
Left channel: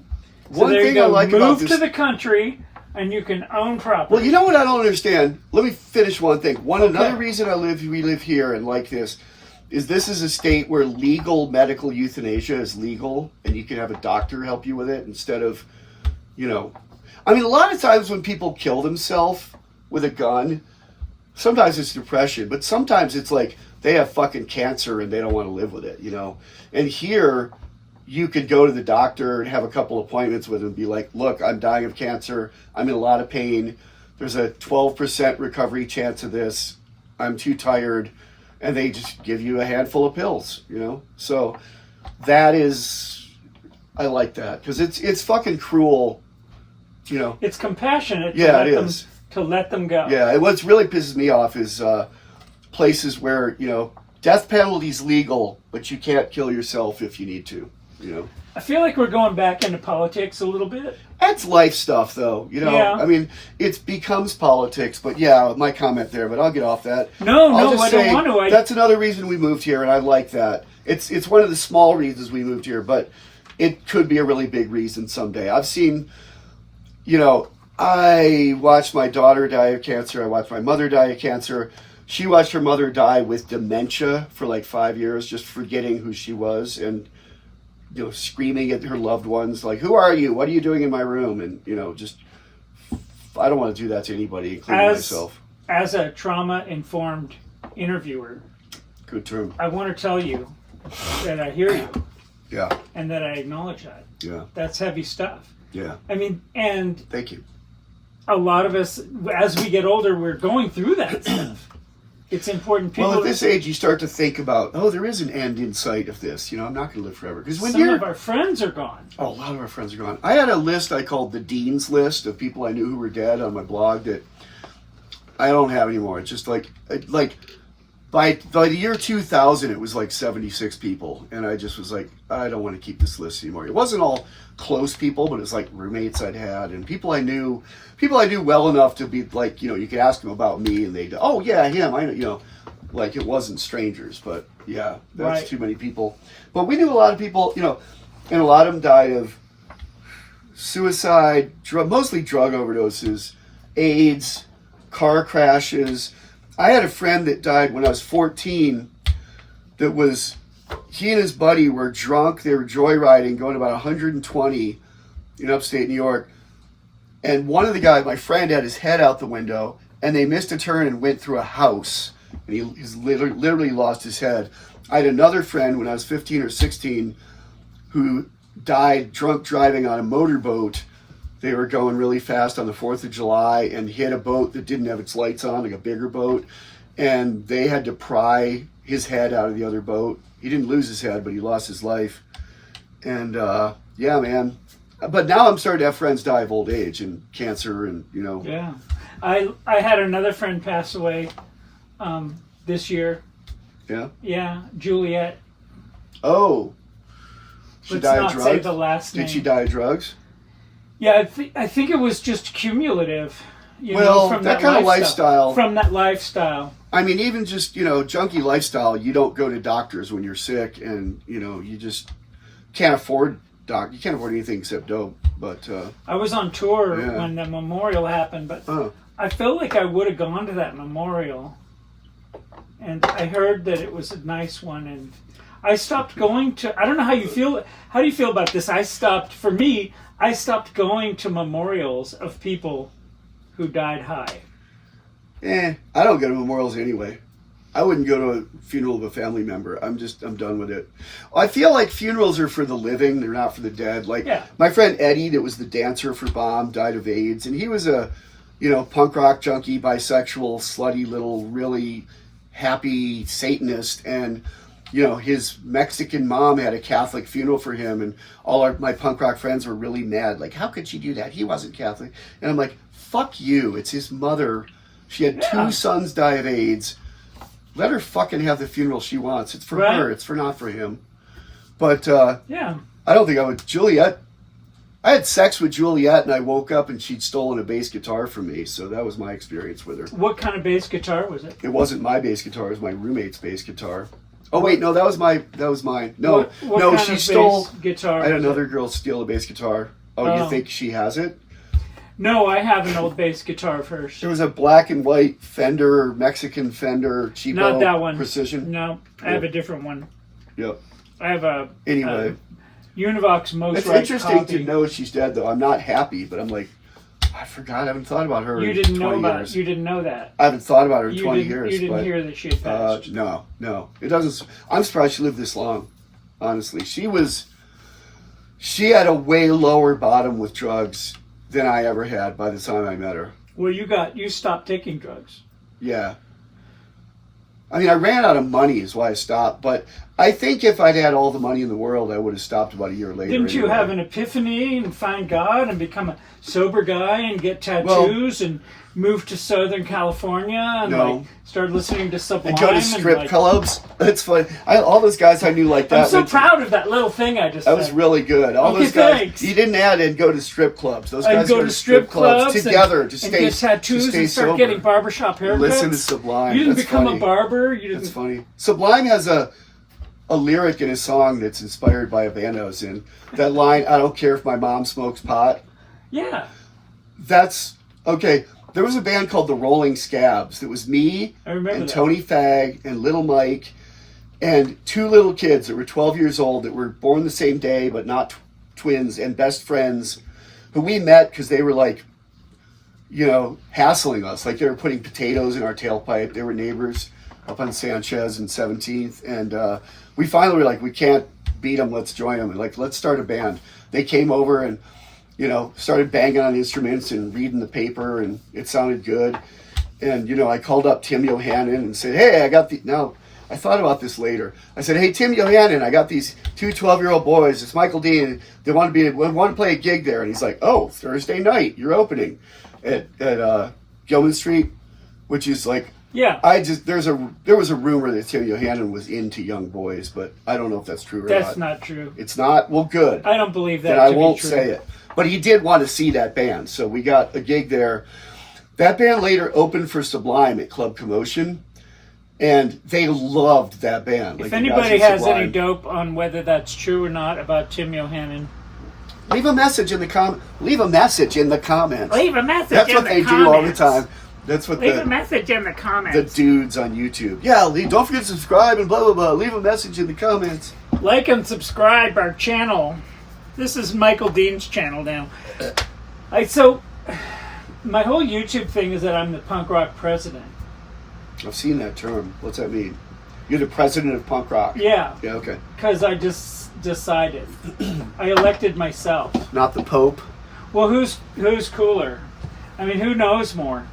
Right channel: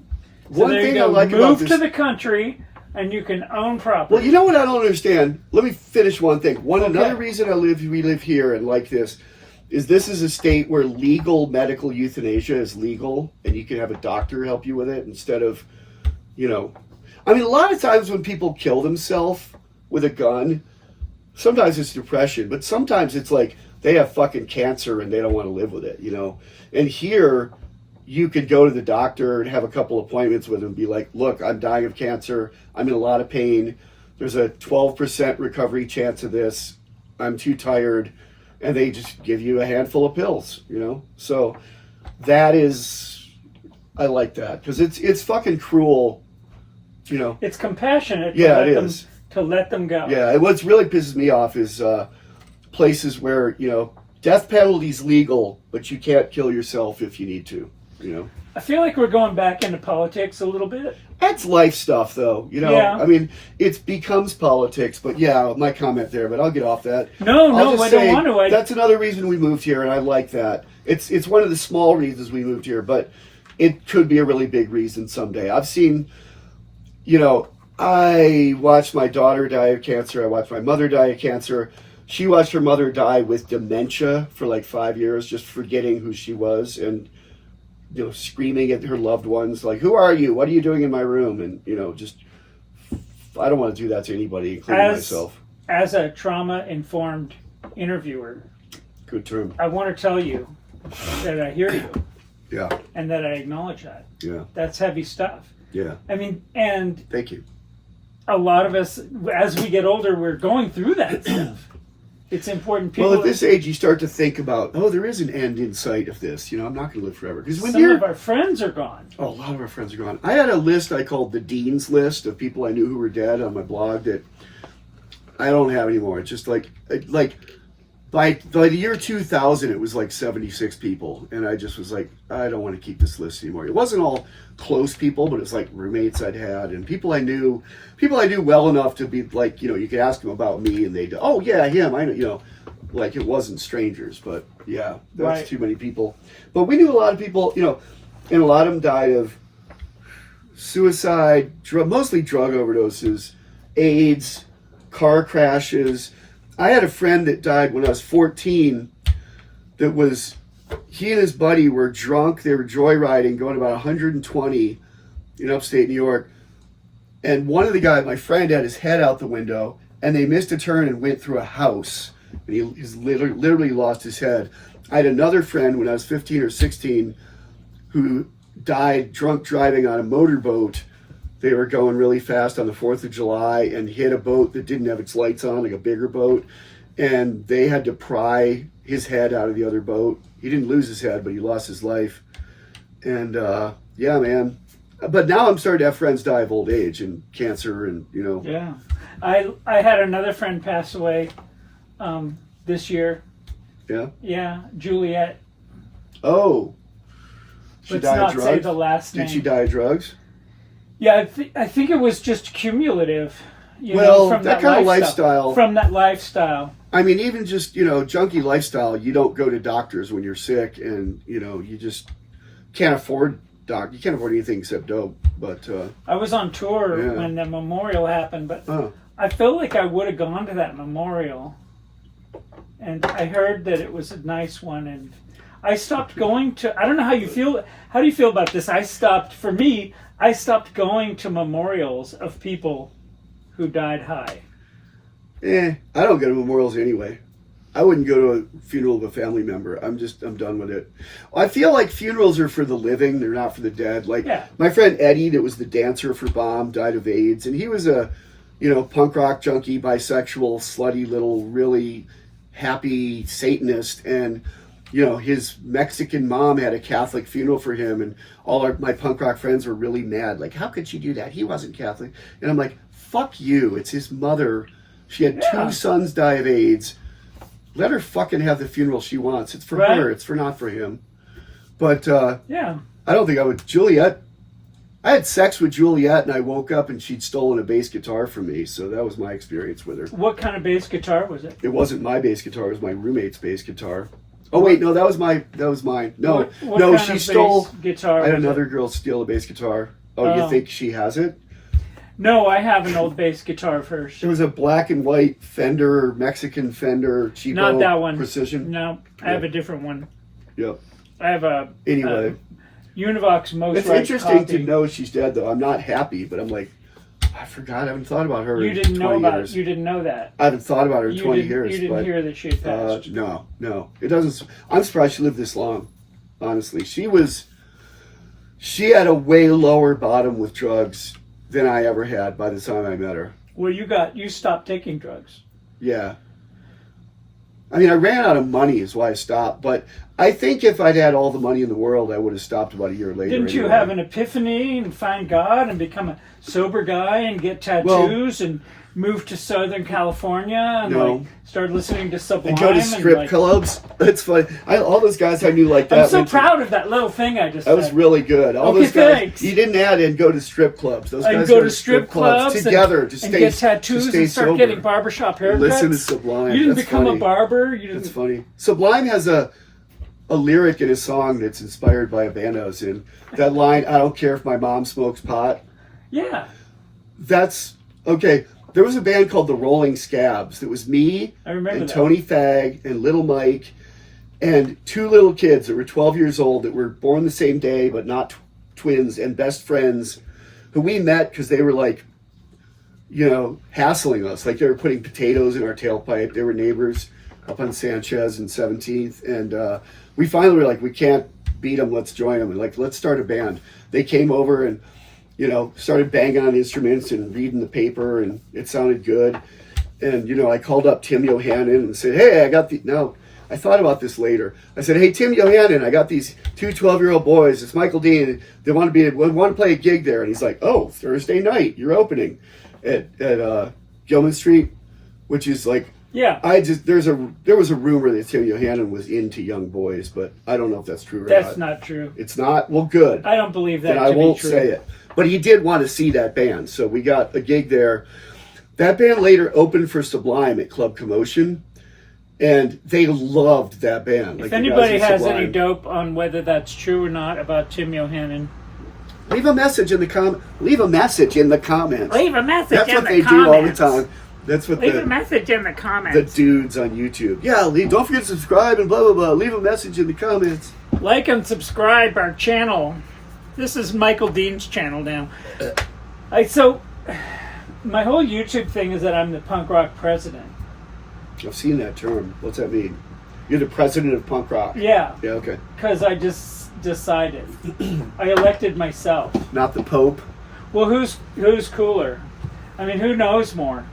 one thing I like about this, move to the country, and you can own property. well, you know what I don't understand? Let me finish one thing. Another reason we live here and like this is a state where legal medical euthanasia is legal, and you can have a doctor help you with it instead of, I mean, a lot of times when people kill themselves with a gun, sometimes it's depression, but sometimes it's like they have fucking cancer and they don't want to live with it, And here, you could go to the doctor and have a couple appointments with him and be like, look, I'm dying of cancer. I'm in a lot of pain. There's a 12% recovery chance of this. I'm too tired. And they just give you a handful of pills, So that is, I like that. Because it's fucking cruel, It's compassionate to let them go. Yeah, and what's really pisses me off is places where, death penalty's legal, but you can't kill yourself if you need to, I feel like we're going back into politics a little bit. That's life stuff, though. Yeah. I mean, it becomes politics, but yeah, my comment there, but I'll get off that. No, I don't want to. That's another reason we moved here, and I like that. It's one of the small reasons we moved here, but it could be a really big reason someday. I've seen, I watched my daughter die of cancer. I watched my mother die of cancer. She watched her mother die with dementia for like 5 years, just forgetting who she was and, screaming at her loved ones, like, who are you? What are you doing in my room? And, just, I don't want to do that to anybody, including myself. As a trauma-informed interviewer, good term. I want to tell you that I hear you. Yeah. And that I acknowledge that. Yeah. That's heavy stuff. Yeah. I mean, and thank you. A lot of us, as we get older, we're going through that stuff. It's important. Well, at this age, you start to think about, there is an end in sight of this. I'm not going to live forever. Because some of our friends are gone. Oh, a lot of our friends are gone. I had a list I called the Dean's List of people I knew who were dead on my blog that I don't have anymore. It's just like by the year 2000, it was like 76 people. And I just was like, I don't want to keep this list anymore. It wasn't all close people, but it was like roommates I'd had and people I knew well enough to be like, you could ask them about me and they'd, oh yeah, him, I like it wasn't strangers, but yeah, that's right. Too many people. But we knew a lot of people, and a lot of them died of suicide, mostly drug overdoses, AIDS, car crashes. I had a friend that died when I was 14 he and his buddy were drunk. They were joyriding, going about 120 in upstate New York. And one of the guys, my friend, had his head out the window, and they missed a turn and went through a house. And he literally lost his head. I had another friend when I was 15 or 16 who died drunk driving on a motorboat. They were going really fast on the 4th of July and hit a boat that didn't have its lights on, like a bigger boat. And they had to pry his head out of the other boat. He didn't lose his head, but he lost his life. And yeah, man. But now I'm starting to have friends die of old age and cancer and, Yeah. I had another friend pass away this year. Yeah? Yeah, Juliet. Oh. Let's not say the last name. Did she die of drugs? Yeah, I think it was just cumulative. From that kind of lifestyle. From that lifestyle. I mean, even just, junkie lifestyle, you don't go to doctors when you're sick and, you just can't afford you can't afford anything except dope. But I was on tour when the memorial happened, but I felt like I would have gone to that memorial. And I heard that it was a nice one, and I stopped going to. I don't know how you feel. How do you feel about this? I stopped going to memorials of people who died high. I don't go to memorials anyway. I wouldn't go to a funeral of a family member. I'm done with it. I feel like funerals are for the living. They're not for the dead. Like my friend Eddie, that was the dancer for Bomb, died of AIDS. And he was a, punk rock junkie, bisexual, slutty little, really happy Satanist. And, his Mexican mom had a Catholic funeral for him. And all my punk rock friends were really mad. Like, how could she do that? He wasn't Catholic. And I'm like, fuck you. It's his mother. She had 2 sons die of AIDS. Let her fucking have the funeral she wants. It's for her. It's not for him. But I don't think I would. Juliet, I had sex with Juliet and I woke up and she'd stolen a bass guitar from me. So that was my experience with her. What kind of bass guitar was it? It wasn't my bass guitar. It was my roommate's bass guitar. Oh wait, no, that was mine. No, what no, kind she of stole. Bass guitar I had another girl steal a bass guitar. Oh, you think she has it? No, I have an old bass guitar of hers. It was a black and white Fender, Mexican Fender, cheapo. Not that one. Precision. No, I have a different one. Yep. I have a Univox Most It's Right interesting copy. to know she's dead, though. I'm not happy, but I'm like, I forgot. I haven't thought about her. You in didn't 20 know about years. You didn't know that. I haven't thought about her in 20 years. You didn't hear that she had passed. No. It doesn't. I'm surprised she lived this long. Honestly, she had a way lower bottom with drugs than I ever had by the time I met her. Well, you stopped taking drugs. Yeah. I mean, I ran out of money is why I stopped. But I think if I'd had all the money in the world, I would have stopped about a year later. Didn't you have an epiphany and find God and become a sober guy and get tattoos and move to Southern California and start listening to Sublime and go to strip clubs? That's funny. All those guys I knew like that. I'm so proud of that little thing I just said. That was really good. All those guys. Thanks. You didn't add and go to strip clubs. Those guys go to strip clubs together to get tattoos and start sober. Getting barbershop haircuts. Listen to Sublime. You didn't become a barber. That's funny. Sublime has a lyric in his song that's inspired by a band I was in. That line, I don't care if my mom smokes pot. Yeah. That's, okay. There was a band called the Rolling Scabs that was me and Tony Fagg and Little Mike and 2 little kids that were 12 years old that were born the same day but not twins and best friends who we met because they were like, hassling us. Like they were putting potatoes in our tailpipe. They were neighbors up on Sanchez and 17th. And we finally were like, we can't beat them. Let's join them. And like, let's start a band. They came over and started banging on instruments and reading the paper, and it sounded good. And, I called up Tim Yohannan and said, hey, I thought about this later. I said, hey, Tim Yohannan, I got these 2 12-year-old boys. It's Michael Dean. They want to play a gig there. And he's like, oh, Thursday night, you're opening at Gilman Street, which is like, there was a rumor that Tim Yohannan was into young boys, but I don't know if that's true or not. That's not true. It's not? Well, good. I don't believe that. Then I won't say it. But he did want to see that band, so we got a gig there. That band later opened for Sublime at Club Commotion, and they loved that band. If anybody has any dope on whether that's true or not about Tim Yohannan, leave a message in the comments. Leave a message That's what they do all the time. That's what leave a message in the comments. The dudes on YouTube. Yeah, don't forget to subscribe and blah, blah, blah. Leave a message in the comments. Like and subscribe our channel. This is Michael Dean's channel now. So, my whole YouTube thing is that I'm the punk rock president. I've seen that term. What's that mean? You're the president of punk rock. Yeah. Yeah, okay. Because I just decided. I elected myself. Not the Pope. Well, who's cooler? I mean, who knows more?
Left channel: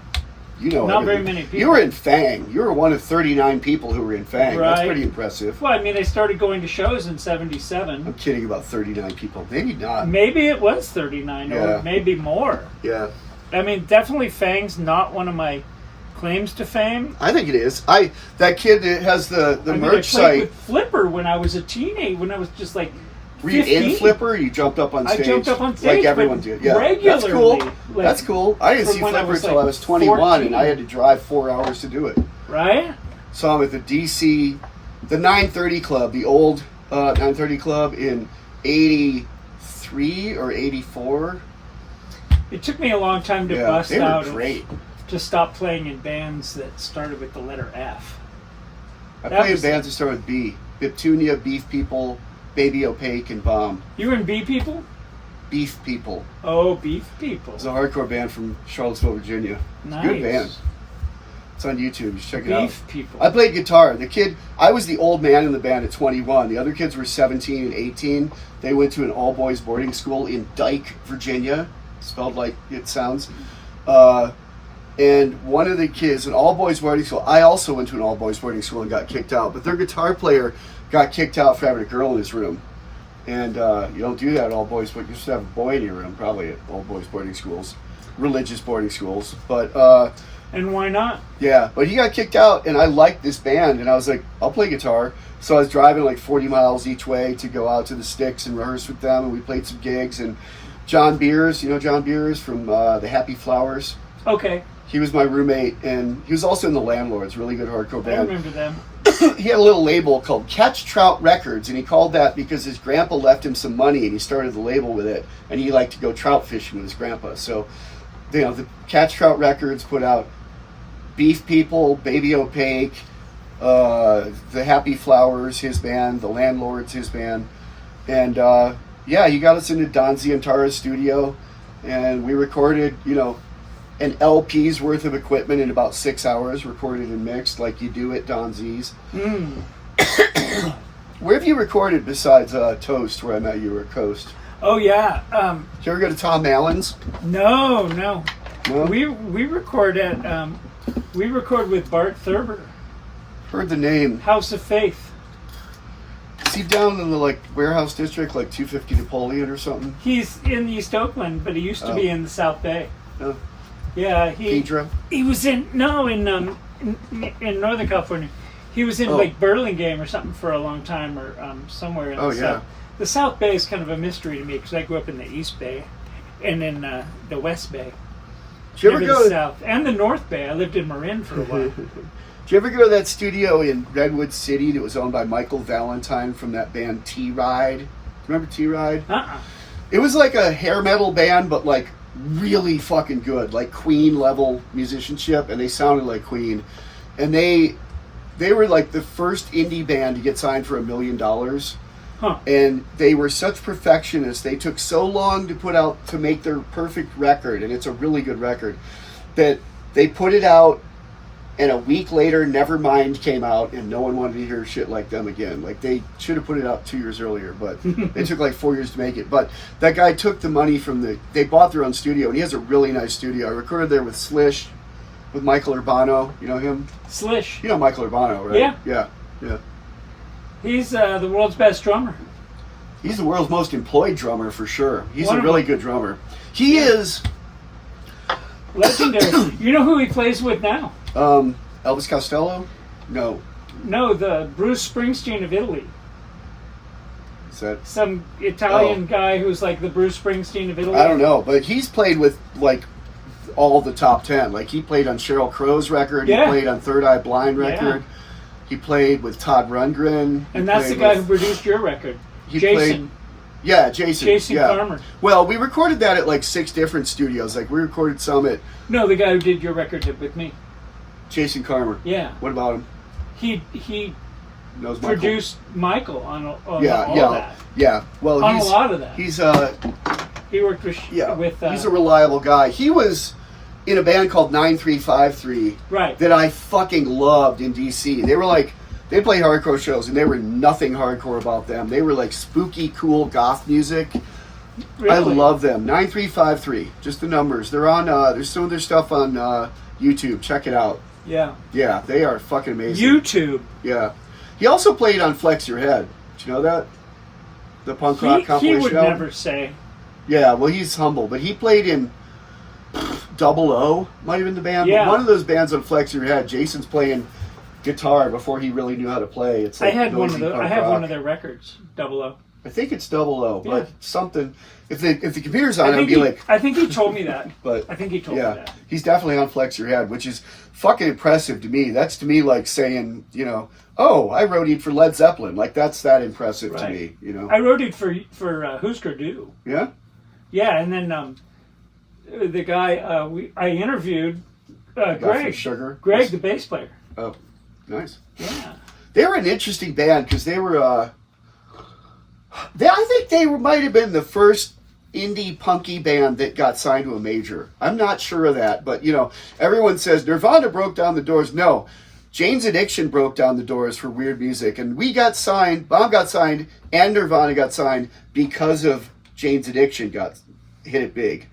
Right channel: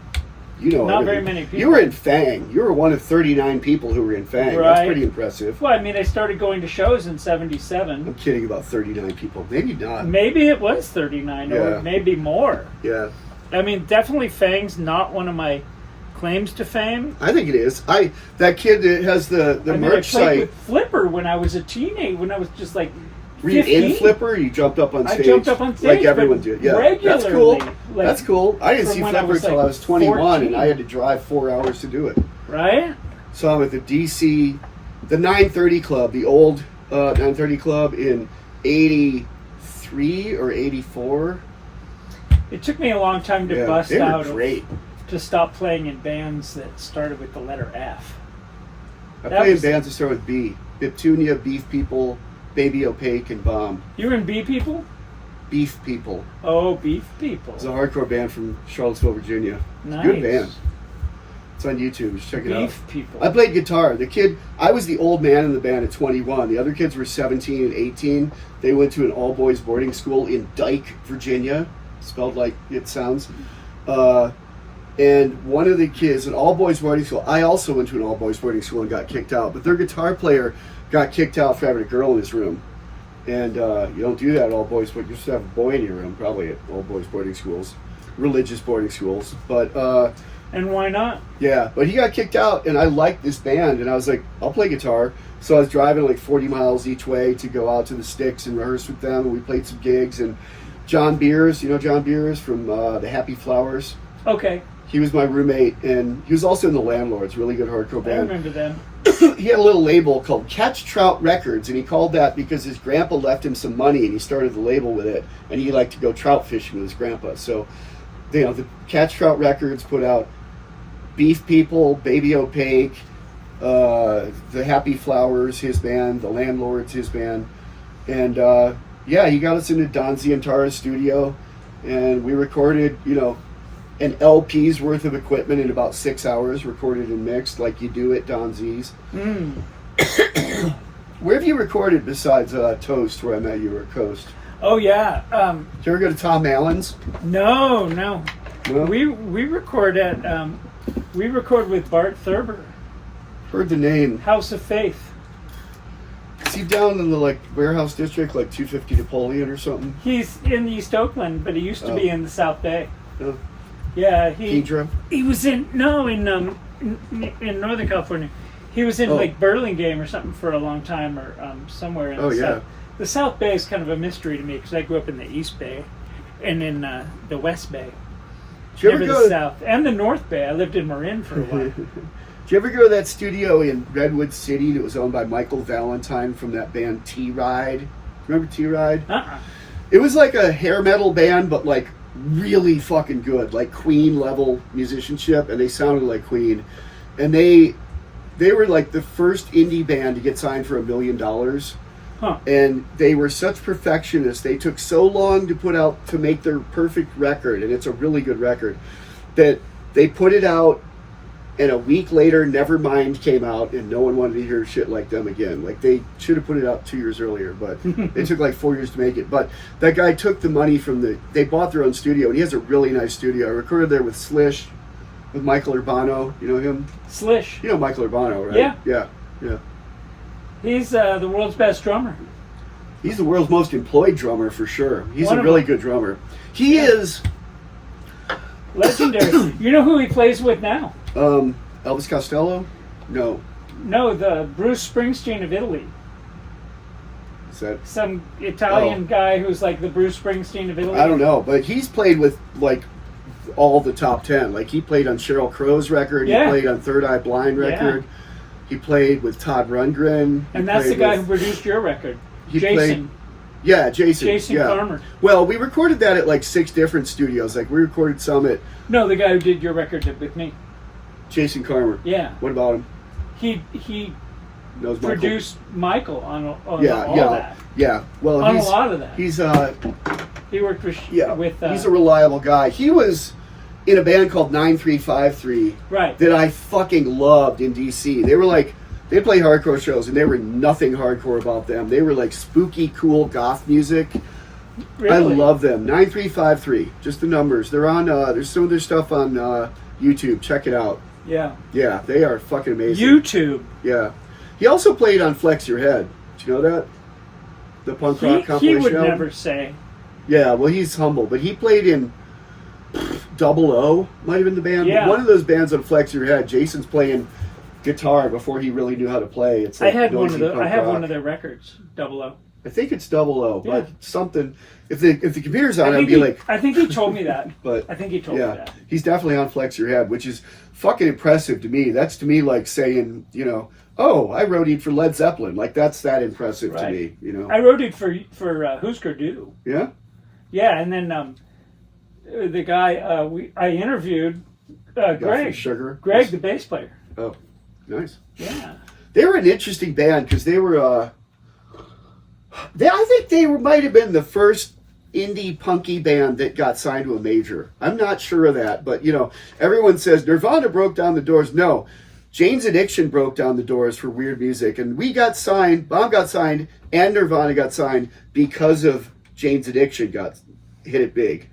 Not very many people. You were in Fang. You were one of 39 people who were in Fang. Right. That's pretty impressive. Well, I mean, I started going to shows in 77. I'm kidding about 39 people. Maybe not. Maybe it was 39 or maybe more. Yeah. I mean, definitely Fang's not one of my claims to fame. I think it is. That kid that has the merch site. I played with Flipper when I was a teenager, when I was just like 15. Were you in Flipper? You jumped up on stage? I jumped up on stage. Like everyone did. Yeah. Regularly. That's cool. I didn't see Flipper until I was 21 14. And I had to drive 4 hours to do it. Right? So I'm at the DC, the 930 Club, the old 930 Club in 83 or 84. It took me a long time to bust out. Great. To stop playing in bands that started with the letter F. I played in bands that started with B. Biptunia, Beef People, Baby Opaque, and Bomb. You were in Bee People? Beef People. Oh, Beef People. It's a hardcore band from Charlottesville, Virginia. Nice. Good band. It's on YouTube. Just check it out. Beef People. I played guitar. I was the old man in the band at 21. The other kids were 17 and 18. They went to an all-boys boarding school in Dyke, Virginia. Spelled like it sounds. And one of the kids, an all-boys boarding school, I also went to an all-boys boarding school and got kicked out. But their guitar player got kicked out for having a girl in his room. And you don't do that at all-boys, but you just have a boy in your room, probably at all-boys boarding schools. Religious boarding schools. But... and why not? Yeah, but he got kicked out, and I liked this band, and I was like, I'll play guitar. So I was driving like 40 miles each way to go out to the Sticks and rehearse with them, and we played some gigs. And John Beers, you know John Beers from the Happy Flowers? Okay. He was my roommate, and he was also in the Landlords, really good hardcore band. I remember them. He had a little label called Catch Trout Records, and he called that because his grandpa left him some money, and he started the label with it, and he liked to go trout fishing with his grandpa. So, you know, the Catch Trout Records put out Beef People, Baby Opaque, the Happy Flowers, his band, the Landlords, his band, and yeah, he got us into Don Zientara's studio, and we recorded, you know, an LP's worth of equipment in about 6 hours, recorded and mixed like you do at Don Z's. Where have you recorded besides Toast, where I met you, or Coast? Oh yeah. Did you ever go to Tom Allen's? No. No? We record at we record with Bart Thurber. Heard the name. House of Faith. Is he down in the like warehouse district, like 250 Napoleon or something? He's in East Oakland, but he used to be in the South Bay. Oh. Yeah, he was in Northern California. He was in like Burlingame or something for a long time, or somewhere in the South. The South Bay is kind of a mystery to me because I grew up in the East Bay and in the West Bay. Never the South and the North Bay. I lived in Marin for a while. Did you ever go to that studio in Redwood City that was owned by Michael Valentine from that band T-Ride? Remember T-Ride? It was like a hair metal band, but like really fucking good, like Queen level musicianship, and they sounded like Queen. And they were like the first indie band to get signed for $1 million. And they were such perfectionists. They took so long to make their perfect record, and it's a really good record, that they put it out, and a week later Nevermind came out, and no one wanted to hear shit like them again. Like, they should have put it out 2 years earlier, but it took like 4 years to make it. But that guy took the money they bought their own studio, and he has a really nice studio. I recorded there with Slish, with Michael Urbano. You know him? Slish. You know Michael Urbano, right? Yeah. Yeah. He's the world's best drummer. He's the world's most employed drummer for sure. He's a really good drummer. He is legendary. You know who he plays with now? Elvis Costello? No. No, the Bruce Springsteen of Italy. Is that some Italian guy who's like the Bruce Springsteen of Italy? I don't know, but he's played with like all the top 10. Like, he played on Sheryl Crow's record. He played on Third Eye Blind record. He played with Todd Rundgren. And that's the guy who produced your record. Jason. Jason Farmer. Well, we recorded that at like 6 different studios. Like, we recorded some at... No, the guy who did your record with me. Jason Farmer. Yeah. What about him? He knows produced Michael on all that. Yeah. Well, on a lot of that. He's he worked with he's a reliable guy. He was in a band called 9353 that I fucking loved in DC. They were like, they played hardcore shows, and they were nothing hardcore about them. They were like spooky, cool goth music. Really? I love them. 9353, just the numbers. They're on. There's some of their stuff on YouTube. Check it out. Yeah. Yeah, they are fucking amazing. YouTube. Yeah. He also played on Flex Your Head. Did you know that? The punk rock compilation. He would never say. Yeah, well, he's humble, but he played in Double O, might have been the band. Yeah. One of those bands on Flex Your Head. Jason's playing guitar before he really knew how to play. It's like I have one of their records, Double O. I think it's Double O, but something. If the computer's on, I'd be like. I think he told me that. But I think he told me that. He's definitely on Flex Your Head, which is fucking impressive to me. That's to me like saying, you know, oh, I roadied for Led Zeppelin. Like, that's that impressive to me, you know. I roadied for Husker Du. Yeah. Yeah, and then the guy I interviewed, Greg. Sugar. Greg, the bass player. Oh, nice. Yeah. They were an interesting band because they were. I think they might have been the first indie punky band that got signed to a major. I'm not sure of that, but everyone says Nirvana broke down the doors. No, Jane's Addiction broke down the doors for weird music, and we got signed. Bob got signed, and Nirvana got signed because of Jane's Addiction hit it big.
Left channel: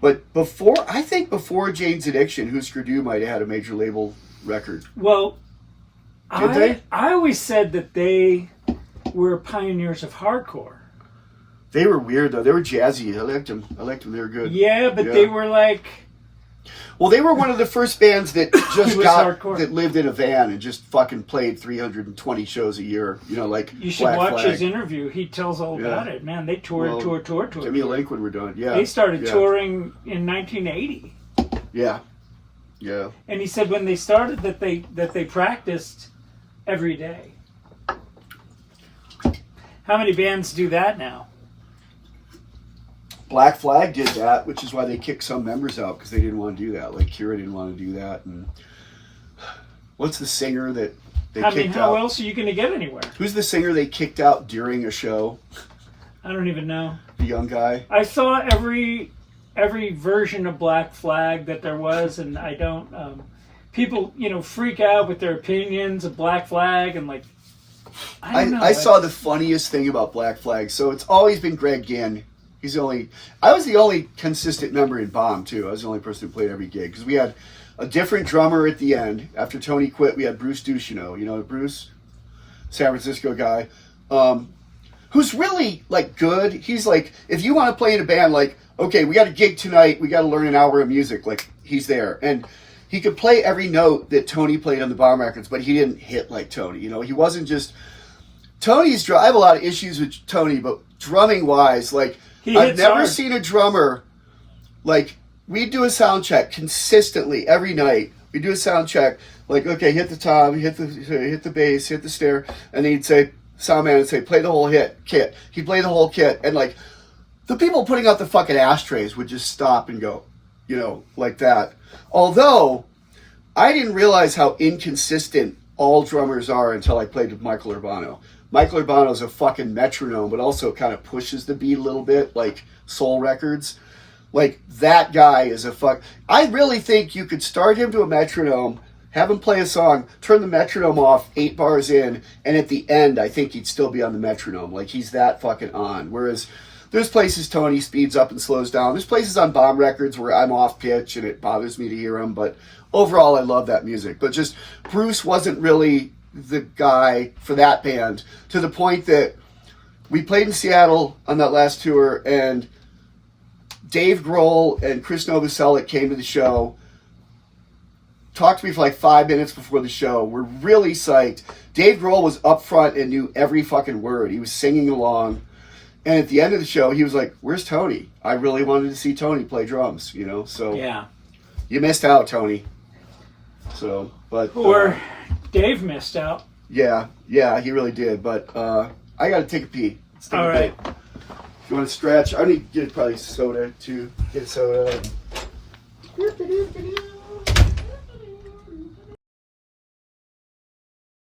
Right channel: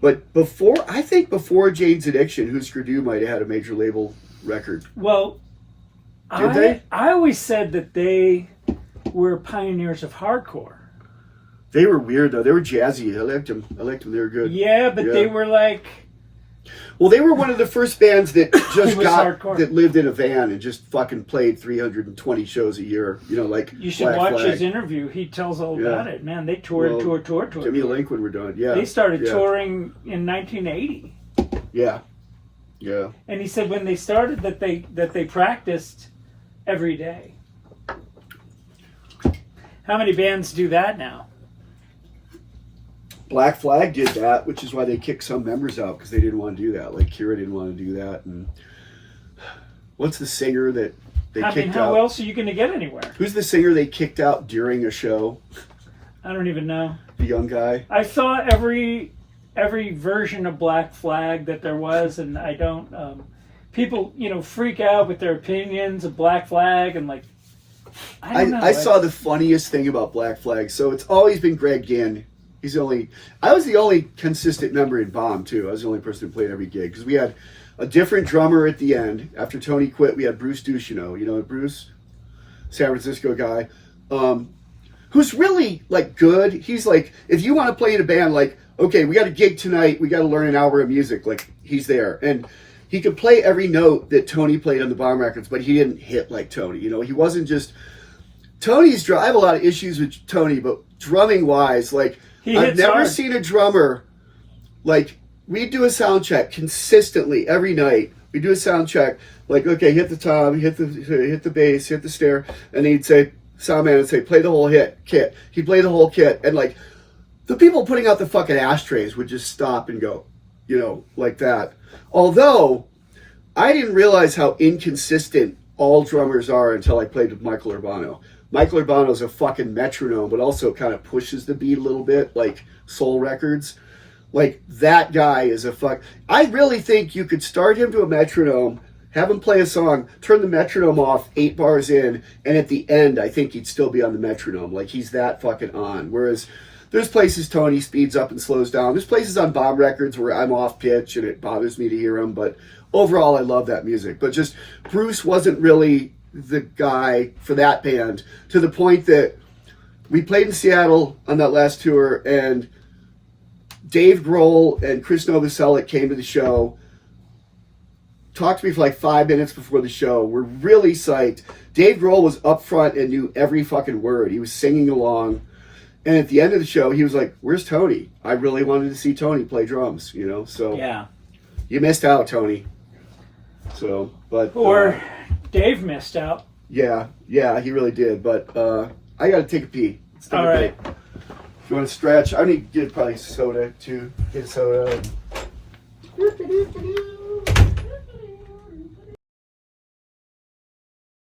But before Jane's Addiction, Husker Du might have had a major label record. Well, I always said that they were pioneers of hardcore. They were weird though. They were jazzy. I liked them. They were good. Yeah, but they were like. Well, they were one of the first bands that just that lived in a van and just fucking played 320 shows a year. Like you should Black watch Flag. his interview. He tells all about it. Man, they toured. Give me a link when we're done. Yeah, they started touring in 1980. Yeah. And he said when they started that they practiced every day. How many bands do that now? Black Flag did that, which is why they kicked some members out because they didn't want to do that. Like Kira didn't want to do that. And what's the singer that they kicked out? How else are you going to get anywhere? Who's the singer they kicked out during a show? I don't even know. The young guy. I saw every version of Black Flag that there was, and I don't. People, freak out with their opinions of Black Flag, and like. I don't know. I saw the funniest thing about Black Flag. So it's always been Greg Ginn. I was the only consistent member in Bomb, too. I was the only person who played every gig. Because we had a different drummer at the end. After Tony quit, we had Bruce Ducheneau. Bruce? San Francisco guy. Who's really, good. He's like, if you want to play in a band, okay, we got a gig tonight. We got to learn an hour of music. He's there. And he could play every note that Tony played on the Bomb records, but he didn't hit like Tony. He wasn't just... Tony's... I have a lot of issues with Tony, but drumming-wise, I've never seen a drummer, we'd do a sound check consistently every night. We'd do a sound check, okay, hit the tom, hit the bass, hit the snare, and then he'd say, sound man would say, play the whole kit. He'd play the whole kit, and the people putting out the fucking ashtrays would just stop and go, like that. Although, I didn't realize how inconsistent all drummers are until I played with Michael Urbano. Michael Urbano's a fucking metronome, but also kind of pushes the beat a little bit, like Soul Records. That guy is I really think you could start him to a metronome, have him play a song, turn the metronome off 8 bars in, and at the end, I think he'd still be on the metronome. He's that fucking on. Whereas there's places Tony speeds up and slows down. There's places on Bomb records where I'm off pitch and it bothers me to hear him, but overall, I love that music. But just Bruce wasn't really the guy for that band, to the point that we played in Seattle on that last tour, and Dave Grohl and Chris Novoselic came to the show, talked to me for 5 minutes before the show. We're really psyched. Dave Grohl was up front and knew every fucking word. He was singing along. And at the end of the show, he was like, where's Tony? I really wanted to see Tony play drums, so yeah, you missed out, Tony. So, but... Or Dave missed out. Yeah, he really did. But I got to take a pee. All right. If you want to stretch, I need to get probably soda, too. Get soda.